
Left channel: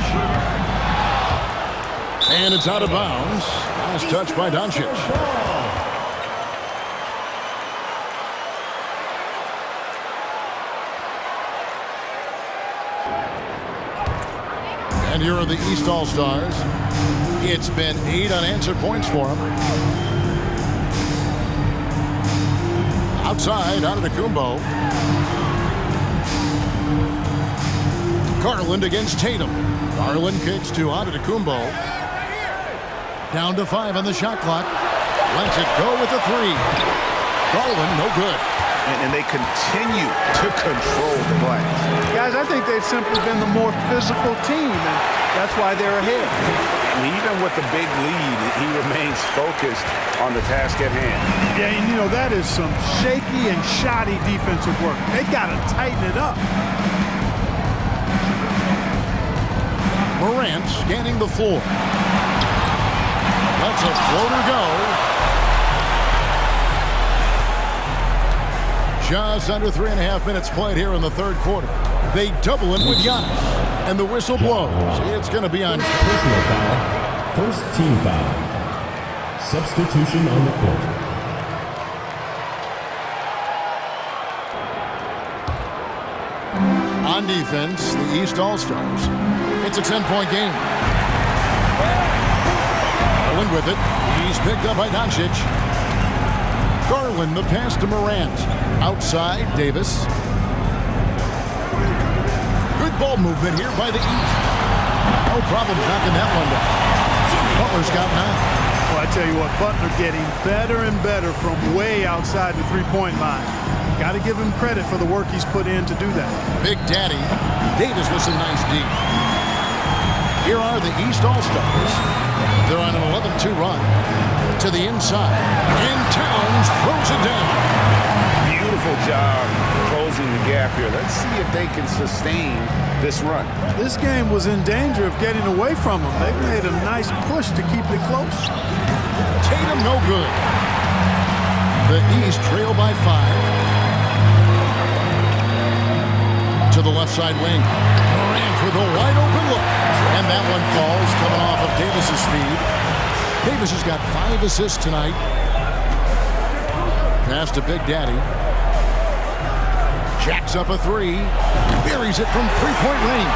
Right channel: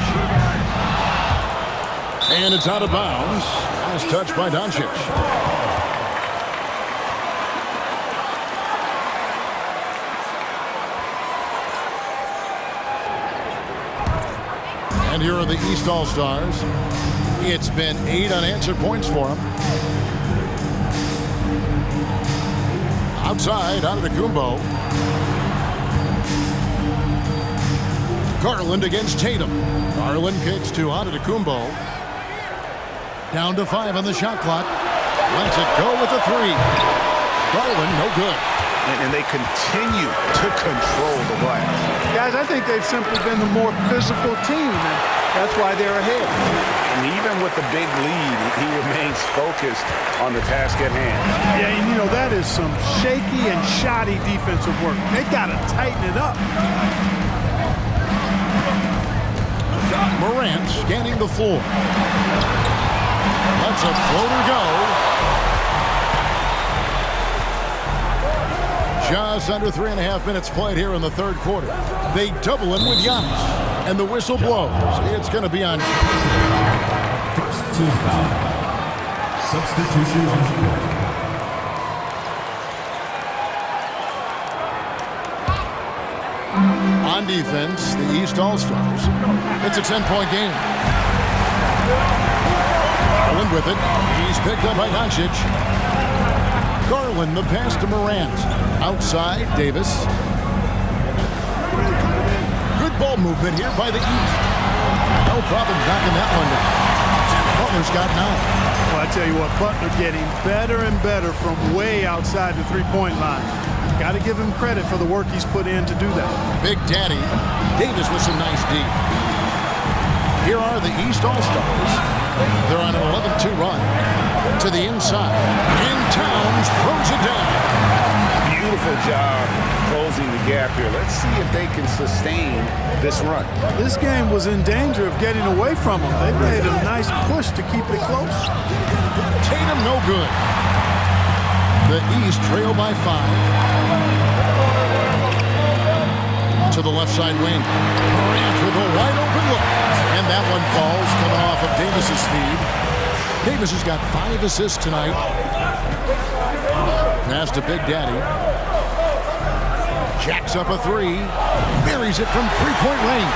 And it's out of bounds. Last touch by Doncic. And here are the East All-Stars. It's been 8 unanswered points for them. Outside, Antetokounmpo. Garland against Tatum. Garland kicks to Antetokounmpo. Down to 5 on the shot clock. Lets it go with a 3. Garland, no good. And they continue to control the glass. Guys, I think they've simply been the more physical team, and that's why they're ahead. And even with the big lead, he remains focused on the task at hand. Yeah, and you know, that is some shaky and shoddy defensive work. They got to tighten it up. Morant scanning the floor. Lets a floater go. Just under 3.5 minutes played here in the third quarter. They double him with Giannis. And the whistle blows. It's going to be on. Personal foul. First team foul. Substitution on the court. On defense, the East All-Stars. It's a 10-point game. Garland with it. He's picked up by Doncic. Garland, the pass to Morant. Outside, Davis. Good ball movement here by the East. No problems knocking that one down. Butler's got 9. Well, I tell you what, Butler getting better and better from way outside the three-point line. Got to give him credit for the work he's put in to do that. Big Daddy. Davis with some nice D. Here are the East All-Stars. They're on an 11-2 run. To the inside. And Towns throws it down. Beautiful job closing the gap here. Let's see if they can sustain this run. This game was in danger of getting away from them. They've made a nice push to keep it close. Tatum no good. The East trail by 5. To the left side wing. Morant with a wide open look. And that one falls coming off of Davis's feed. Davis has got 5 assists tonight. Pass to Big Daddy. Jacks up a three. Buries it from three-point range.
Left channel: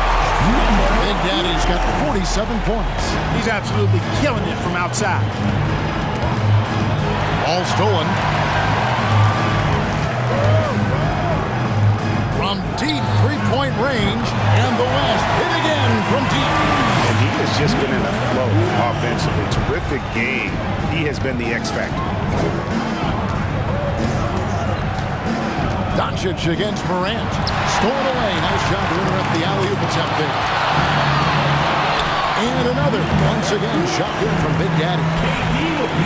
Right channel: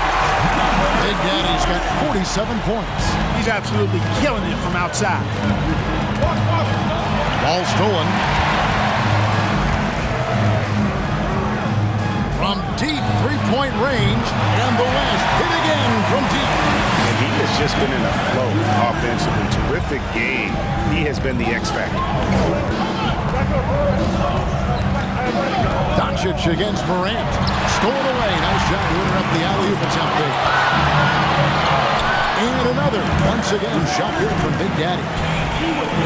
Big Daddy's got 47 points. He's absolutely killing it from outside. Ball stolen. From deep three-point range, and the West hit again from deep. And he has just been in a flow offensively. Terrific game. He has been the X factor. Doncic against Morant. Stolen away. Nice job to interrupt the alley-oop attempt there. And another. Once again, shot good from Big Daddy.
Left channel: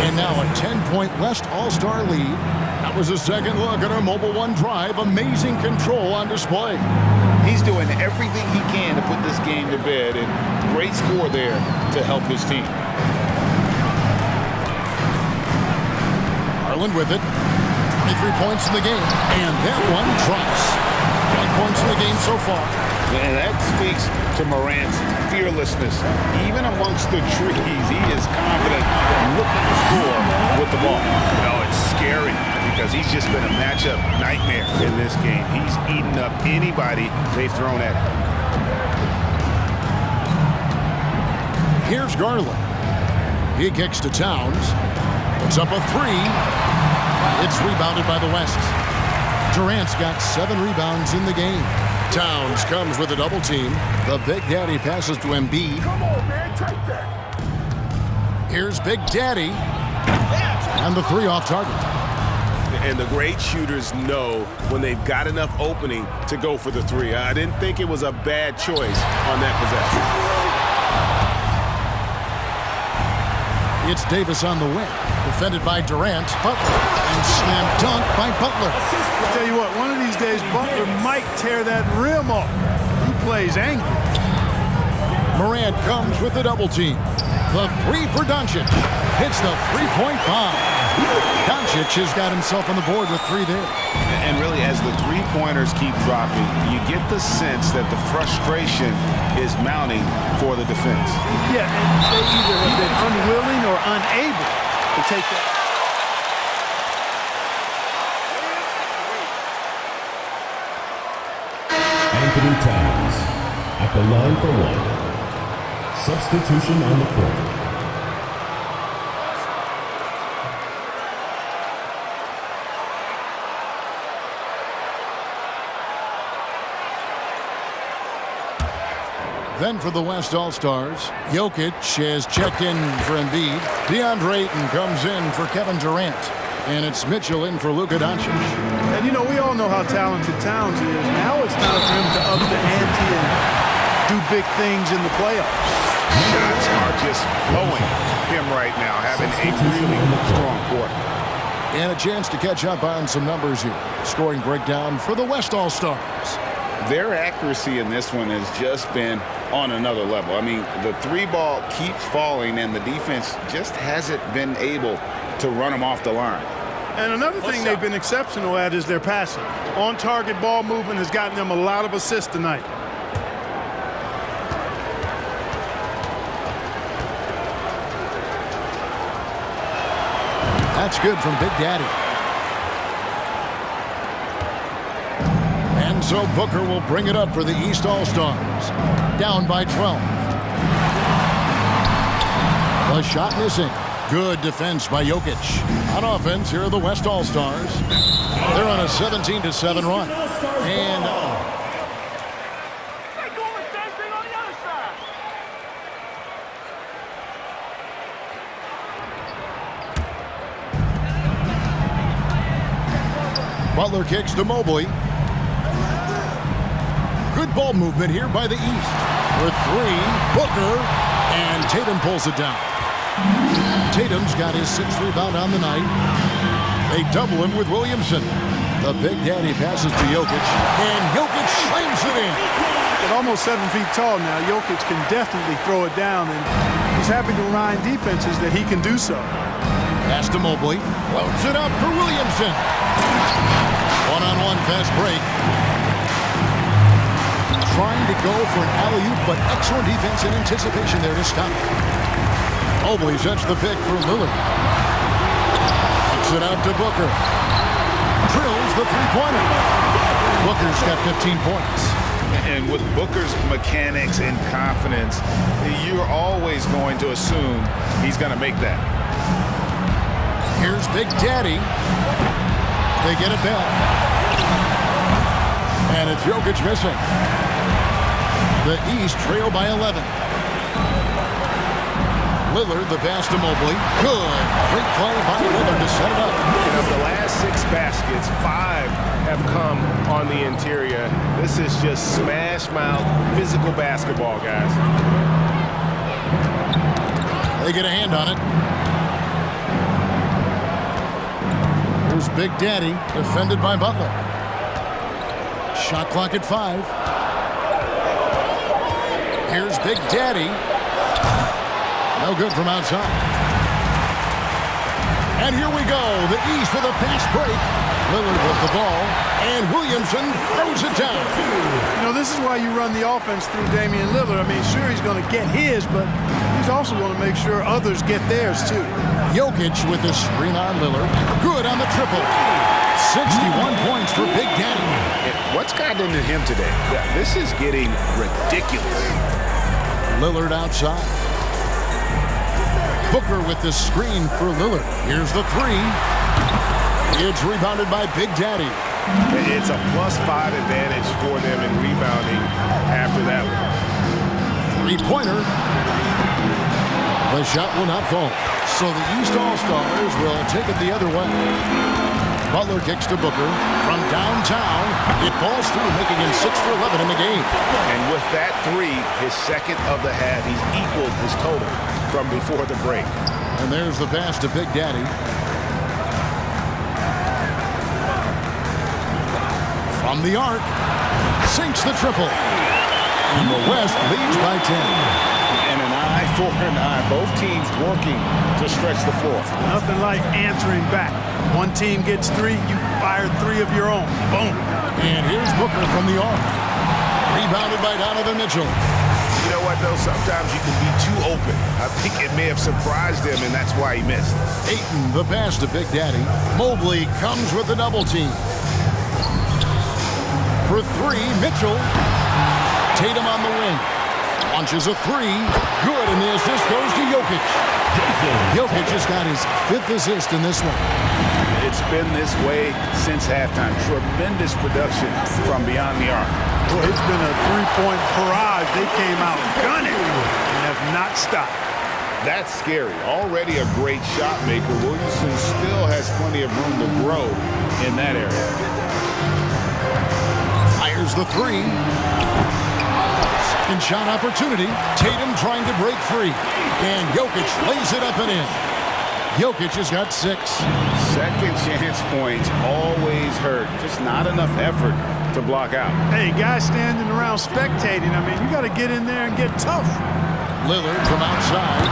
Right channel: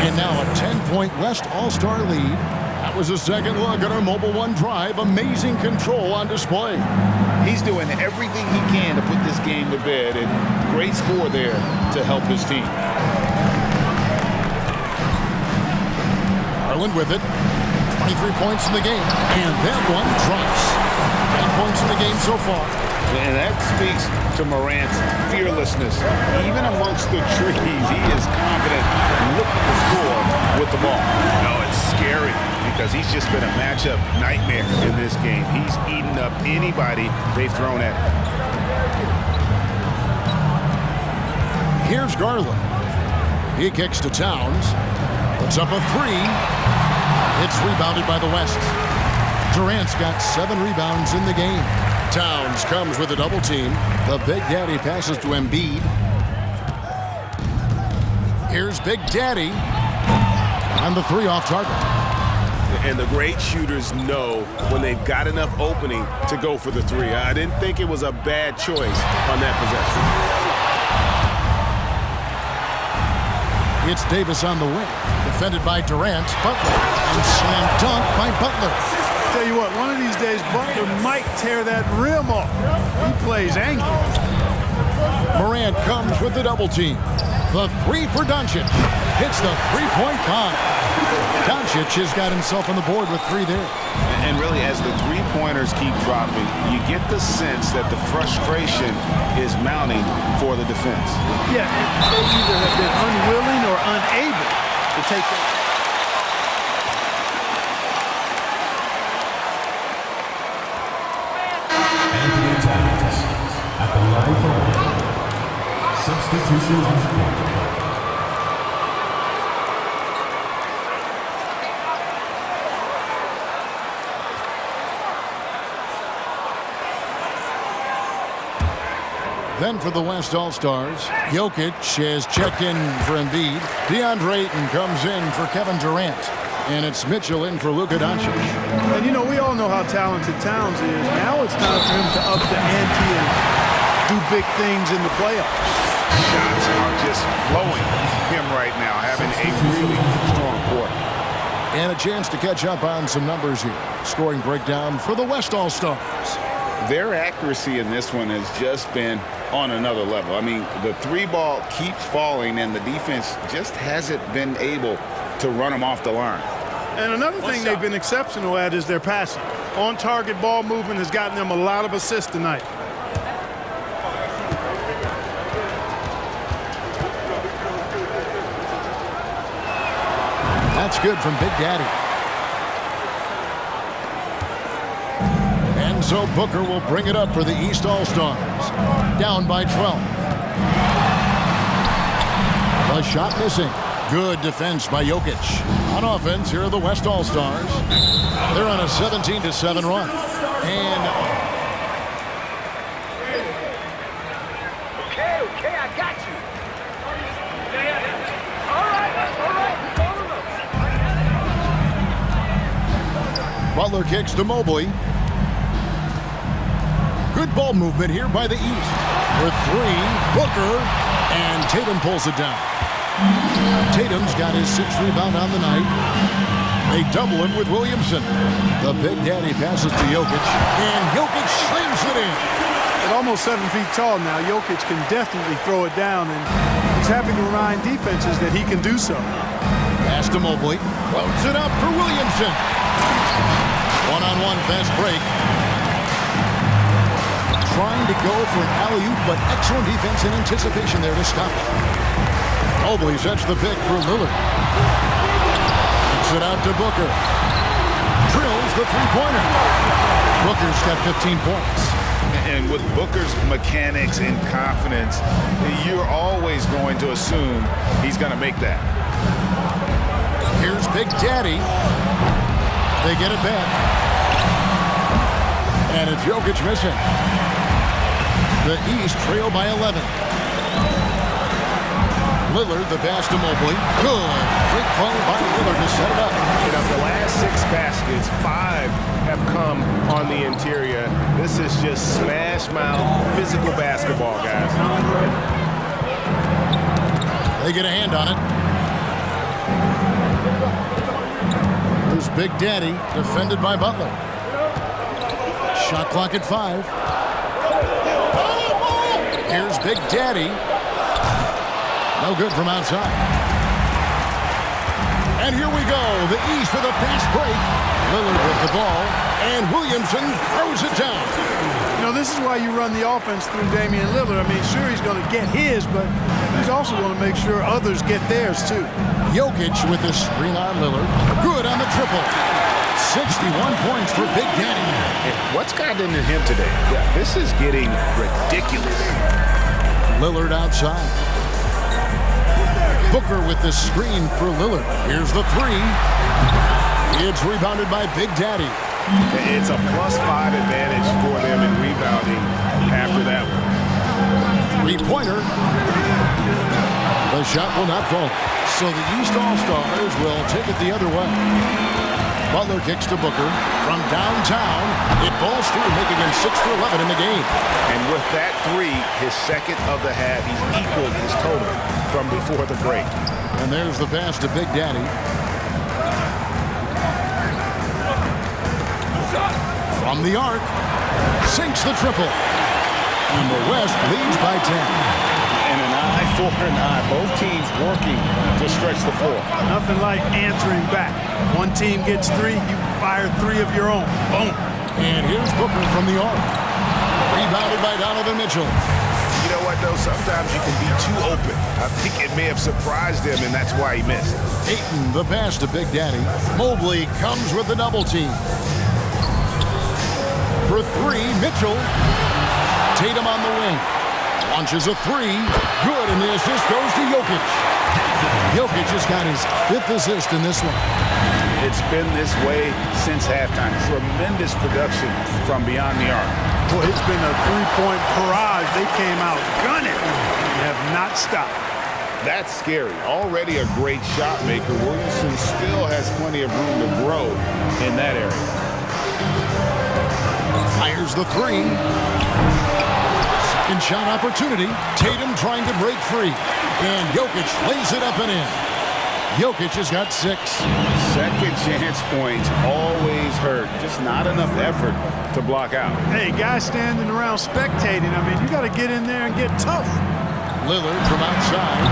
And now a 10-point West All-Star lead. That was a second look at our Mobile One drive. Amazing control on display. He's doing everything he can to put this game to bed, and great score there to help his team. Garland with it. 23 points in the game. And that one drops. 9 points in the game so far. And that speaks to Morant's fearlessness. Even amongst the trees, he is confident looking to score with the ball. No, it's scary because he's just been a matchup nightmare in this game. He's eaten up anybody they've thrown at him. Here's Garland. He kicks to Towns. Puts up a three. It's rebounded by the West. Durant's got 7 rebounds in the game. Towns comes with a double team. The Big Daddy passes to Embiid. Here's Big Daddy. And the three off target. And the great shooters know when they've got enough opening to go for the three. I didn't think it was a bad choice on that possession. It's Davis on the wing. Defended by Durant. Butler. And slam dunk by Butler. Tell you what, one of these days, Butler might tear that rim off. He plays angry. Morant comes with the double team. The three for Doncic. Hits the three-point bomb. Doncic has got himself on the board with 3 there. And really, as the three-pointers keep dropping, you get the sense that the frustration is mounting for the defense. Yeah, and they either have been unwilling or unable to take that. Anthony Towns at the line for one. Substitution on the court. Then for the West All-Stars, Jokic has checked in for Embiid. DeAndre Ayton comes in for Kevin Durant. And it's Mitchell in for Luka Doncic. And, you know, we all know how talented Towns is. Now it's time for him to up the ante and do big things in the playoffs. Shots are just flowing from him right now, having a really strong quarter. And a chance to catch up on some numbers here. The scoring breakdown for the West All-Stars. Their accuracy in this one has just been on another level. I mean, the three ball keeps falling, and the defense just hasn't been able to run them off the line. And another thing they've been exceptional at is their passing. On-target ball movement has gotten them a lot of assists tonight. That's good from Big Daddy. And so Booker will bring it up for the East All-Stars. Down by 12. The shot missing. Good defense by Jokic. On offense, here are the West All-Stars. They're on a 17-7 run. And Butler kicks to Mobley. Good ball movement here by the East. For 3, Booker, and Tatum pulls it down. Tatum's got his 6th rebound on the night. They double him with Williamson. The Big Daddy passes to Jokic, and Jokic slams it in. At almost 7 feet tall now, Jokic can definitely throw it down, and he's having to remind defenses that he can do so. Pass to Mobley. Floats it up for Williamson. One-on-one fast break. Trying to go for an alley-oop, but excellent defense and anticipation there to stop it. Mobley sets the pick for Lillard. Kicks it out to Booker. drills the three-pointer. Booker's got 15 points. And with Booker's mechanics and confidence, you're always going to assume he's going to make that. Here's Big Daddy. They get it back. And it's Jokic missing. The East trail by 11. Lillard, the pass to Mobley. Good. Great play by Lillard to set it up. And of the last 6 baskets, 5 have come on the interior. This is just smash mouth physical basketball, guys. They get a hand on it. Here's Big Daddy, defended by Butler. Shot clock at 5. Here's Big Daddy. No good from outside. And here we go. The East with a fast break. Lillard with the ball. And Williamson throws it down. You know, this is why you run the offense through Damian Lillard. I mean, sure, he's going to get his, but he's also going to make sure others get theirs, too. Jokic with the screen on Lillard. Good on the triple. 61 points for Big Daddy. And what's gotten into him today? This is getting ridiculous. Lillard outside. Booker with the screen for Lillard. Here's the three. It's rebounded by Big Daddy. It's a +5 advantage for them in rebounding after that one. Three-pointer. The shot will not fall. So the East All-Stars will take it the other way. Butler kicks to Booker. From downtown, it falls through, making him 6 for 11 in the game. And with that 3, his second of the half, he's equaled his total from before the break. And there's the pass to Big Daddy. From the arc, sinks the triple. And the West leads by 10. And an eye for an eye. Both teams working to stretch the floor. Nothing like answering back. One team gets 3, you fire 3 of your own. Boom. And here's Booker from the arc. Rebounded by Donovan Mitchell. You know what, though? Sometimes you can be too open. I think it may have surprised him, and that's why he missed. Ayton, the pass to Big Daddy. Mobley comes with the double team. For 3, Mitchell. Tatum on the wing. Launches a 3. Good, and the assist goes to Jokic. Jokic has got his 5th assist in this one. It's been this way since halftime. Tremendous production from beyond the arc. Boy, it's been a 3-point barrage. They came out gunning and have not stopped. That's scary. Already a great shot maker. Williamson still has plenty of room to grow in that area. Fires the 3. Second shot opportunity. Tatum trying to break free. And Jokic lays it up and in. Jokic has got 6. Second chance points always hurt. Just not enough effort to block out. Hey, guys standing around spectating, I mean, you got to get in there and get tough. Lillard from outside.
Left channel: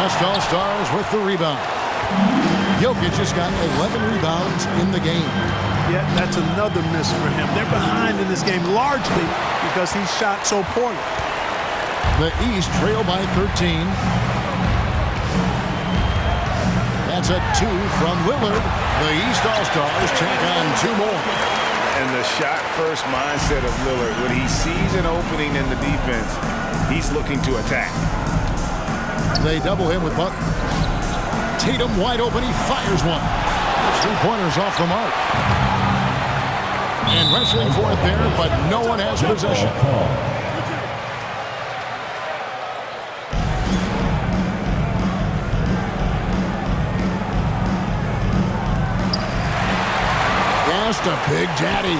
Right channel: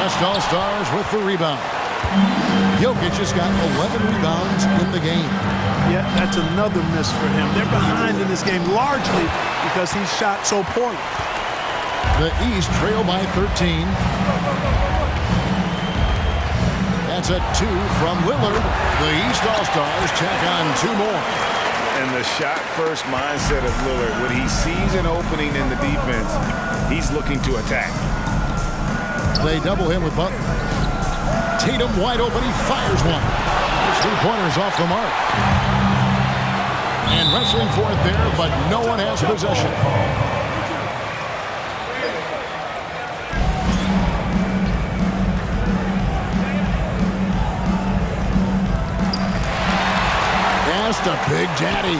West All-Stars with the rebound. Jokic has got 11 rebounds in the game. Yet that's another miss for him. They're behind in this game largely because he shot so poorly. The East trail by 13. That's a 2 from Lillard. The East All-Stars tack on 2 more. And the shot-first mindset of Lillard, when he sees an opening in the defense, he's looking to attack. They double him with Butler. Tatum wide open. He fires one. His 3-pointer's off the mark. And wrestling for it there, but no one has possession. Pass to Big Daddy.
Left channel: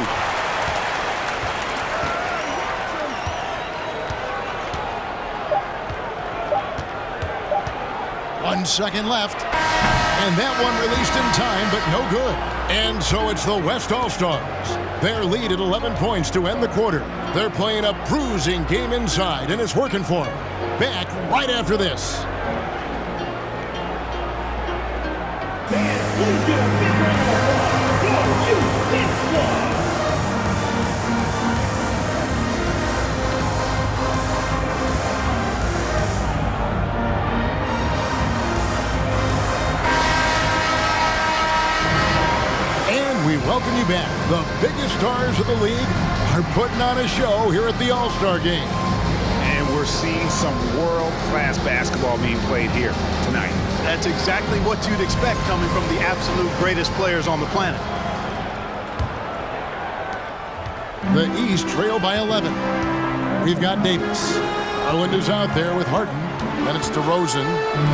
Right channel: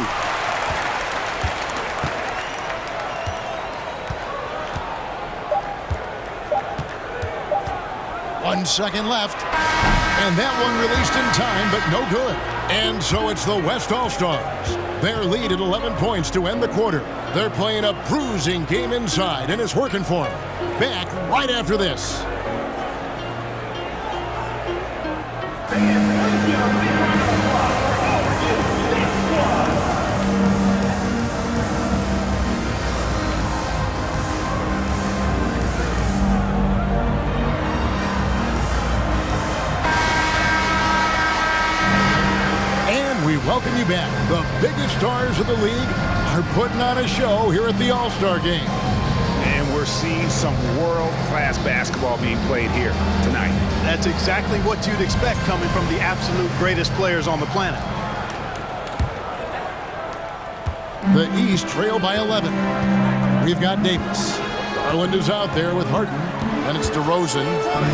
One second left. And that one released in time, but no good. And so it's the West All-Stars. Their lead at 11 points to end the quarter. They're playing a bruising game inside, and it's working for them. Back right after this. Please give a big round of applause for you, this squad. And we welcome you back. The biggest stars of the league are putting on a show here at the All-Star Game. And we're seeing some world-class basketball being played here tonight. That's exactly what you'd expect coming from the absolute greatest players on the planet. The East trail by 11. We've got Davis. Garland is out there with Harden. Then it's DeRozan,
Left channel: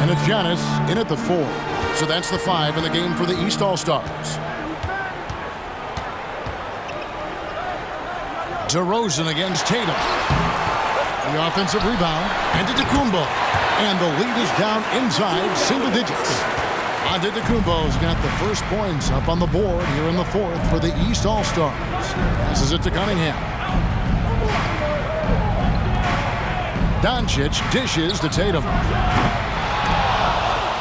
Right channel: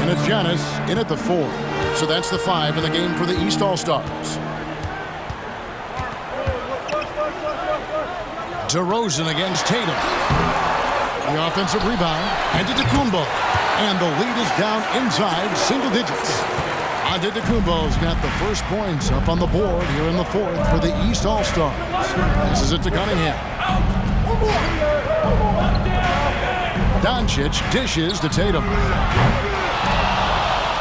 and it's Giannis in at the 4. So that's the 5 in the game for the East All-Stars. DeRozan against Tatum. The offensive rebound, Antetokounmpo. And the lead is down inside single digits. Antetokounmpo's got the first points up on the board here in the 4th for the East All-Stars. Passes it to Cunningham. Doncic dishes to Tatum.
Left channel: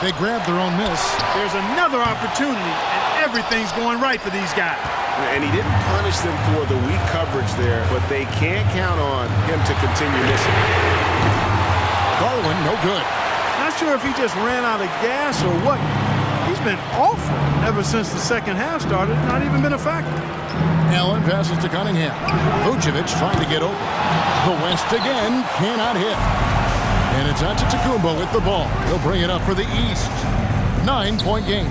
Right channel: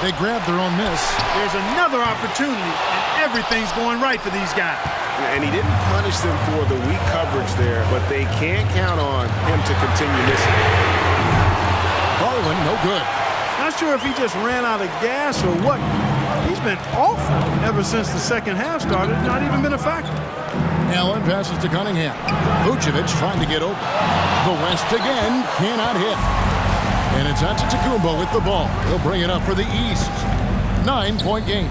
They grab their own miss. There's another opportunity, and everything's going right for these guys. And he didn't punish them for the weak coverage there, but they can't count on him to continue missing. Garland, no good. Not sure if he just ran out of gas or what. He's been awful ever since the second half started. Not even been a factor. Allen passes to Cunningham. Vucevic trying to get open. The West again cannot hit. And it's Antetokounmpo with the ball. He'll bring it up for the East. 9-point game.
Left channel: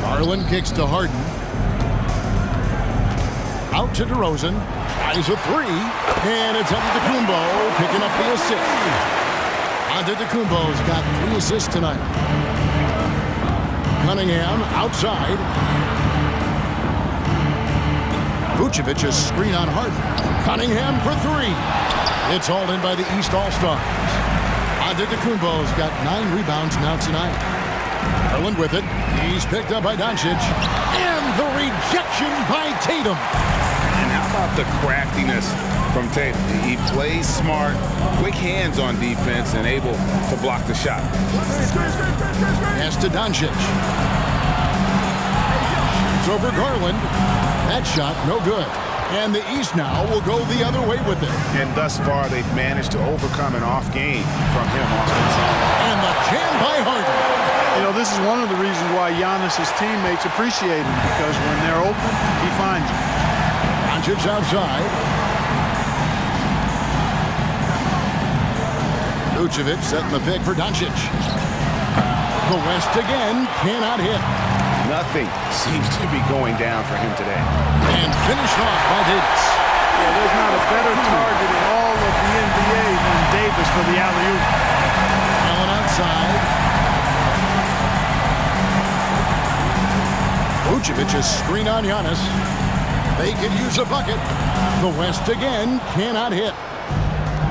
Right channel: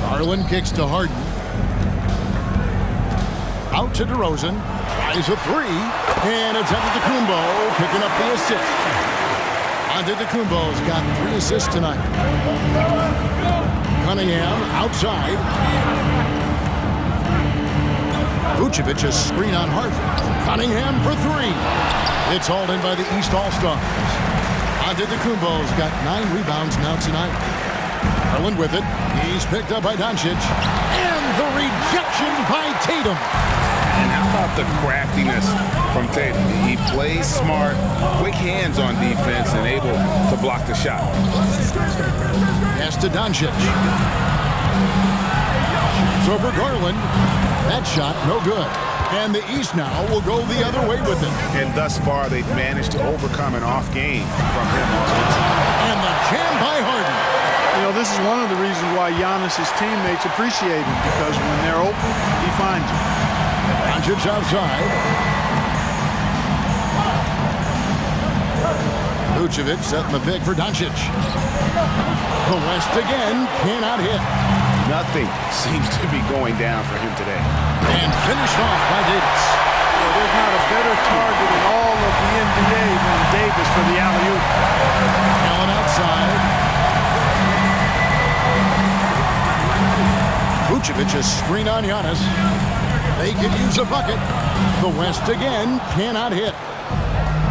Garland kicks to Harden. Out to DeRozan. Tries a 3. And it's Antetokounmpo picking up the assist. Antetokounmpo's got 3 assists tonight. Cunningham outside. Vucevic a screen on Harden. Cunningham for 3. It's hauled in by the East All-Stars. Antetokounmpo's got 9 rebounds now tonight. Garland with it. He's picked up by Doncic. And the rejection by Tatum. And how about the craftiness from Tatum? He plays smart, quick hands on defense, and able to block the shot. Pass to Doncic. Shoots over Garland. That shot, no good. And the East now will go the other way with it. And thus far, they've managed to overcome an off game from him offensively. And the jam by Harden. You know, this is one of the reasons why Giannis' teammates appreciate him, because when they're open, he finds them. Doncic outside. Vucevic setting the pick for Doncic. The West again cannot hit. Nothing seems to be going down for him today. And finished off by Davis. Well, there's not a better target in all of the NBA than Davis for the alley-oop. Allen outside. Vucevic a screen on Giannis. They could use a bucket. The West again cannot hit.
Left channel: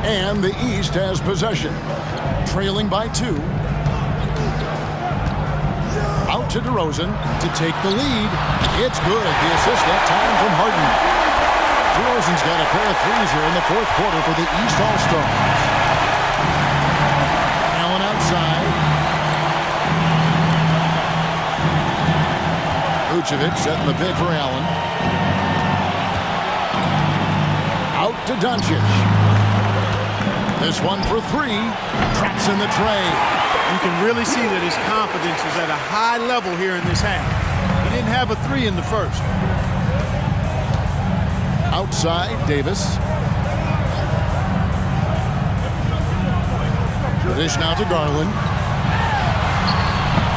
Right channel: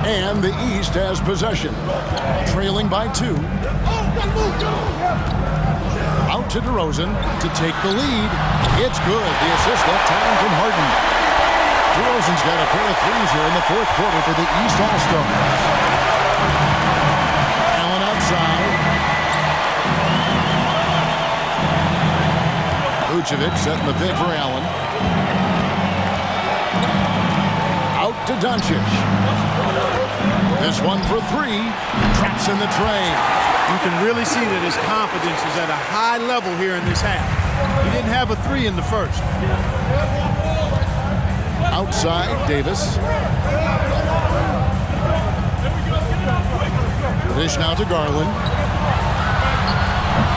And the East has possession. Trailing by 2. Out to DeRozan to take the lead. It's good. The assist that time from Harden. DeRozan's got a pair of 3s here in the 4th quarter for the East All-Stars. Allen outside. Vucevic setting the pick for Allen. Out to Doncic. This one for 3. Traps in the tray. You can really see that his confidence is at a high level here in this half. He didn't have a 3 in the first. Outside, Davis. The dish now to Garland.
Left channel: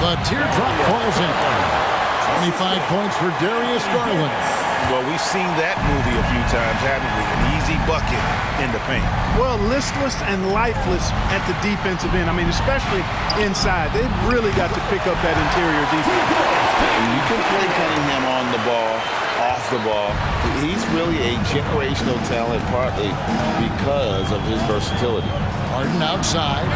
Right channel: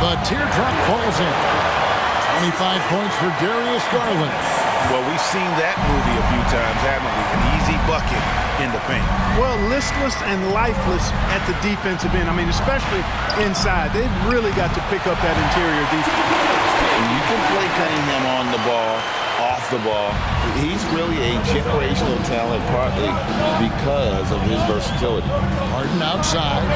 The teardrop falls in. 25 points for Darius Garland. Well, we've seen that movie a few times, haven't we? An easy bucket in the paint. Well, listless and lifeless at the defensive end. I mean, especially inside. They've really got to pick up that interior defense. And you can play Cunningham on the ball, off the ball. He's really a generational talent, partly because of his versatility. Harden outside.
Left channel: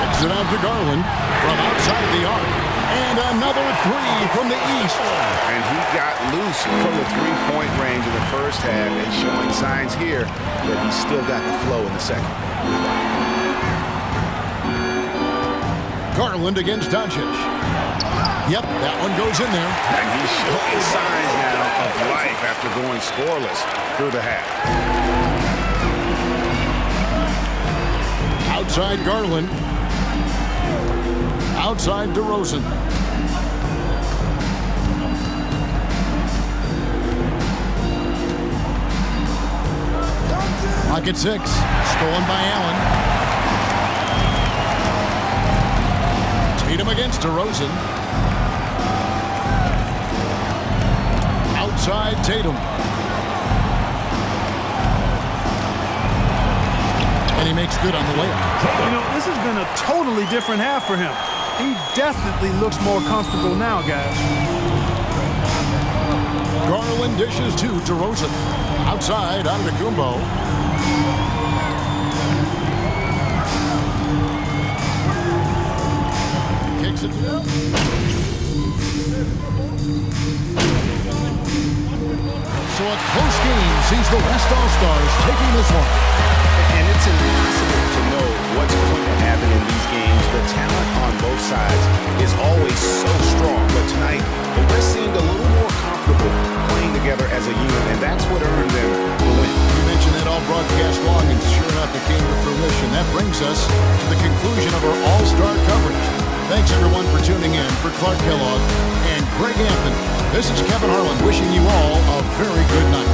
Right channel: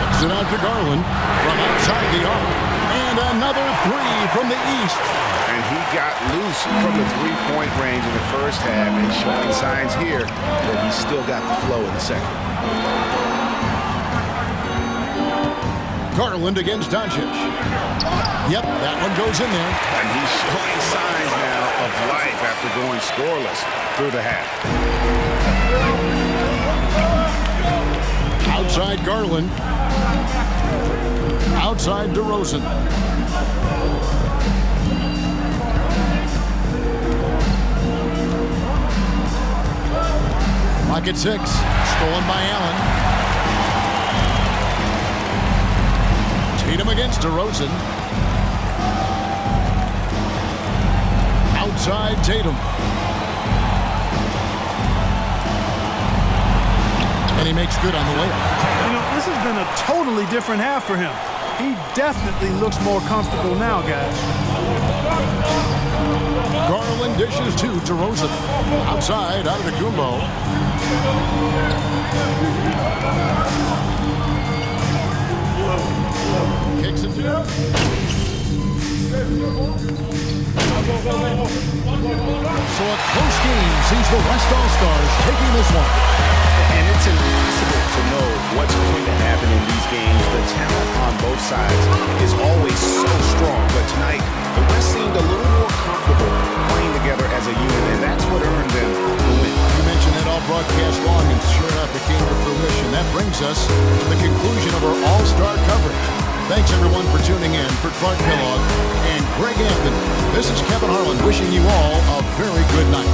Kicks it out to Garland from outside the arc. And another 3 from the East. And he got loose from the 3-point range in the first half and showing signs here that he's still got the flow in the second. Garland against Doncic. Yep, that one goes in there. And he's showing signs now of life after going scoreless through the half. Outside Garland. Outside DeRozan. Clock at 6. Stolen by Allen. Tatum against DeRozan. Outside Tatum. And he makes good on the layup. You know, this has been a totally different half for him. He definitely looks more comfortable now, guys. Garland dishes to DeRozan. Outside, Antetokounmpo. Kicks it. So a close game sees the West All-Stars taking this one. And it's impossible to know what's going to happen in these games. The talent on both sides is always so strong. But tonight, the West seemed a little more comfortable playing together as a unit, and that's what earned them the win. You mentioned that all broadcast long, and sure enough, it came to fruition. That brings us to the conclusion of our All-Star coverage. Thanks, everyone, for tuning in. For Clark Kellogg and Greg Anthony, this is Kevin Harlan wishing you all a very good night.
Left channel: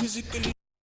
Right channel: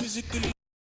Physically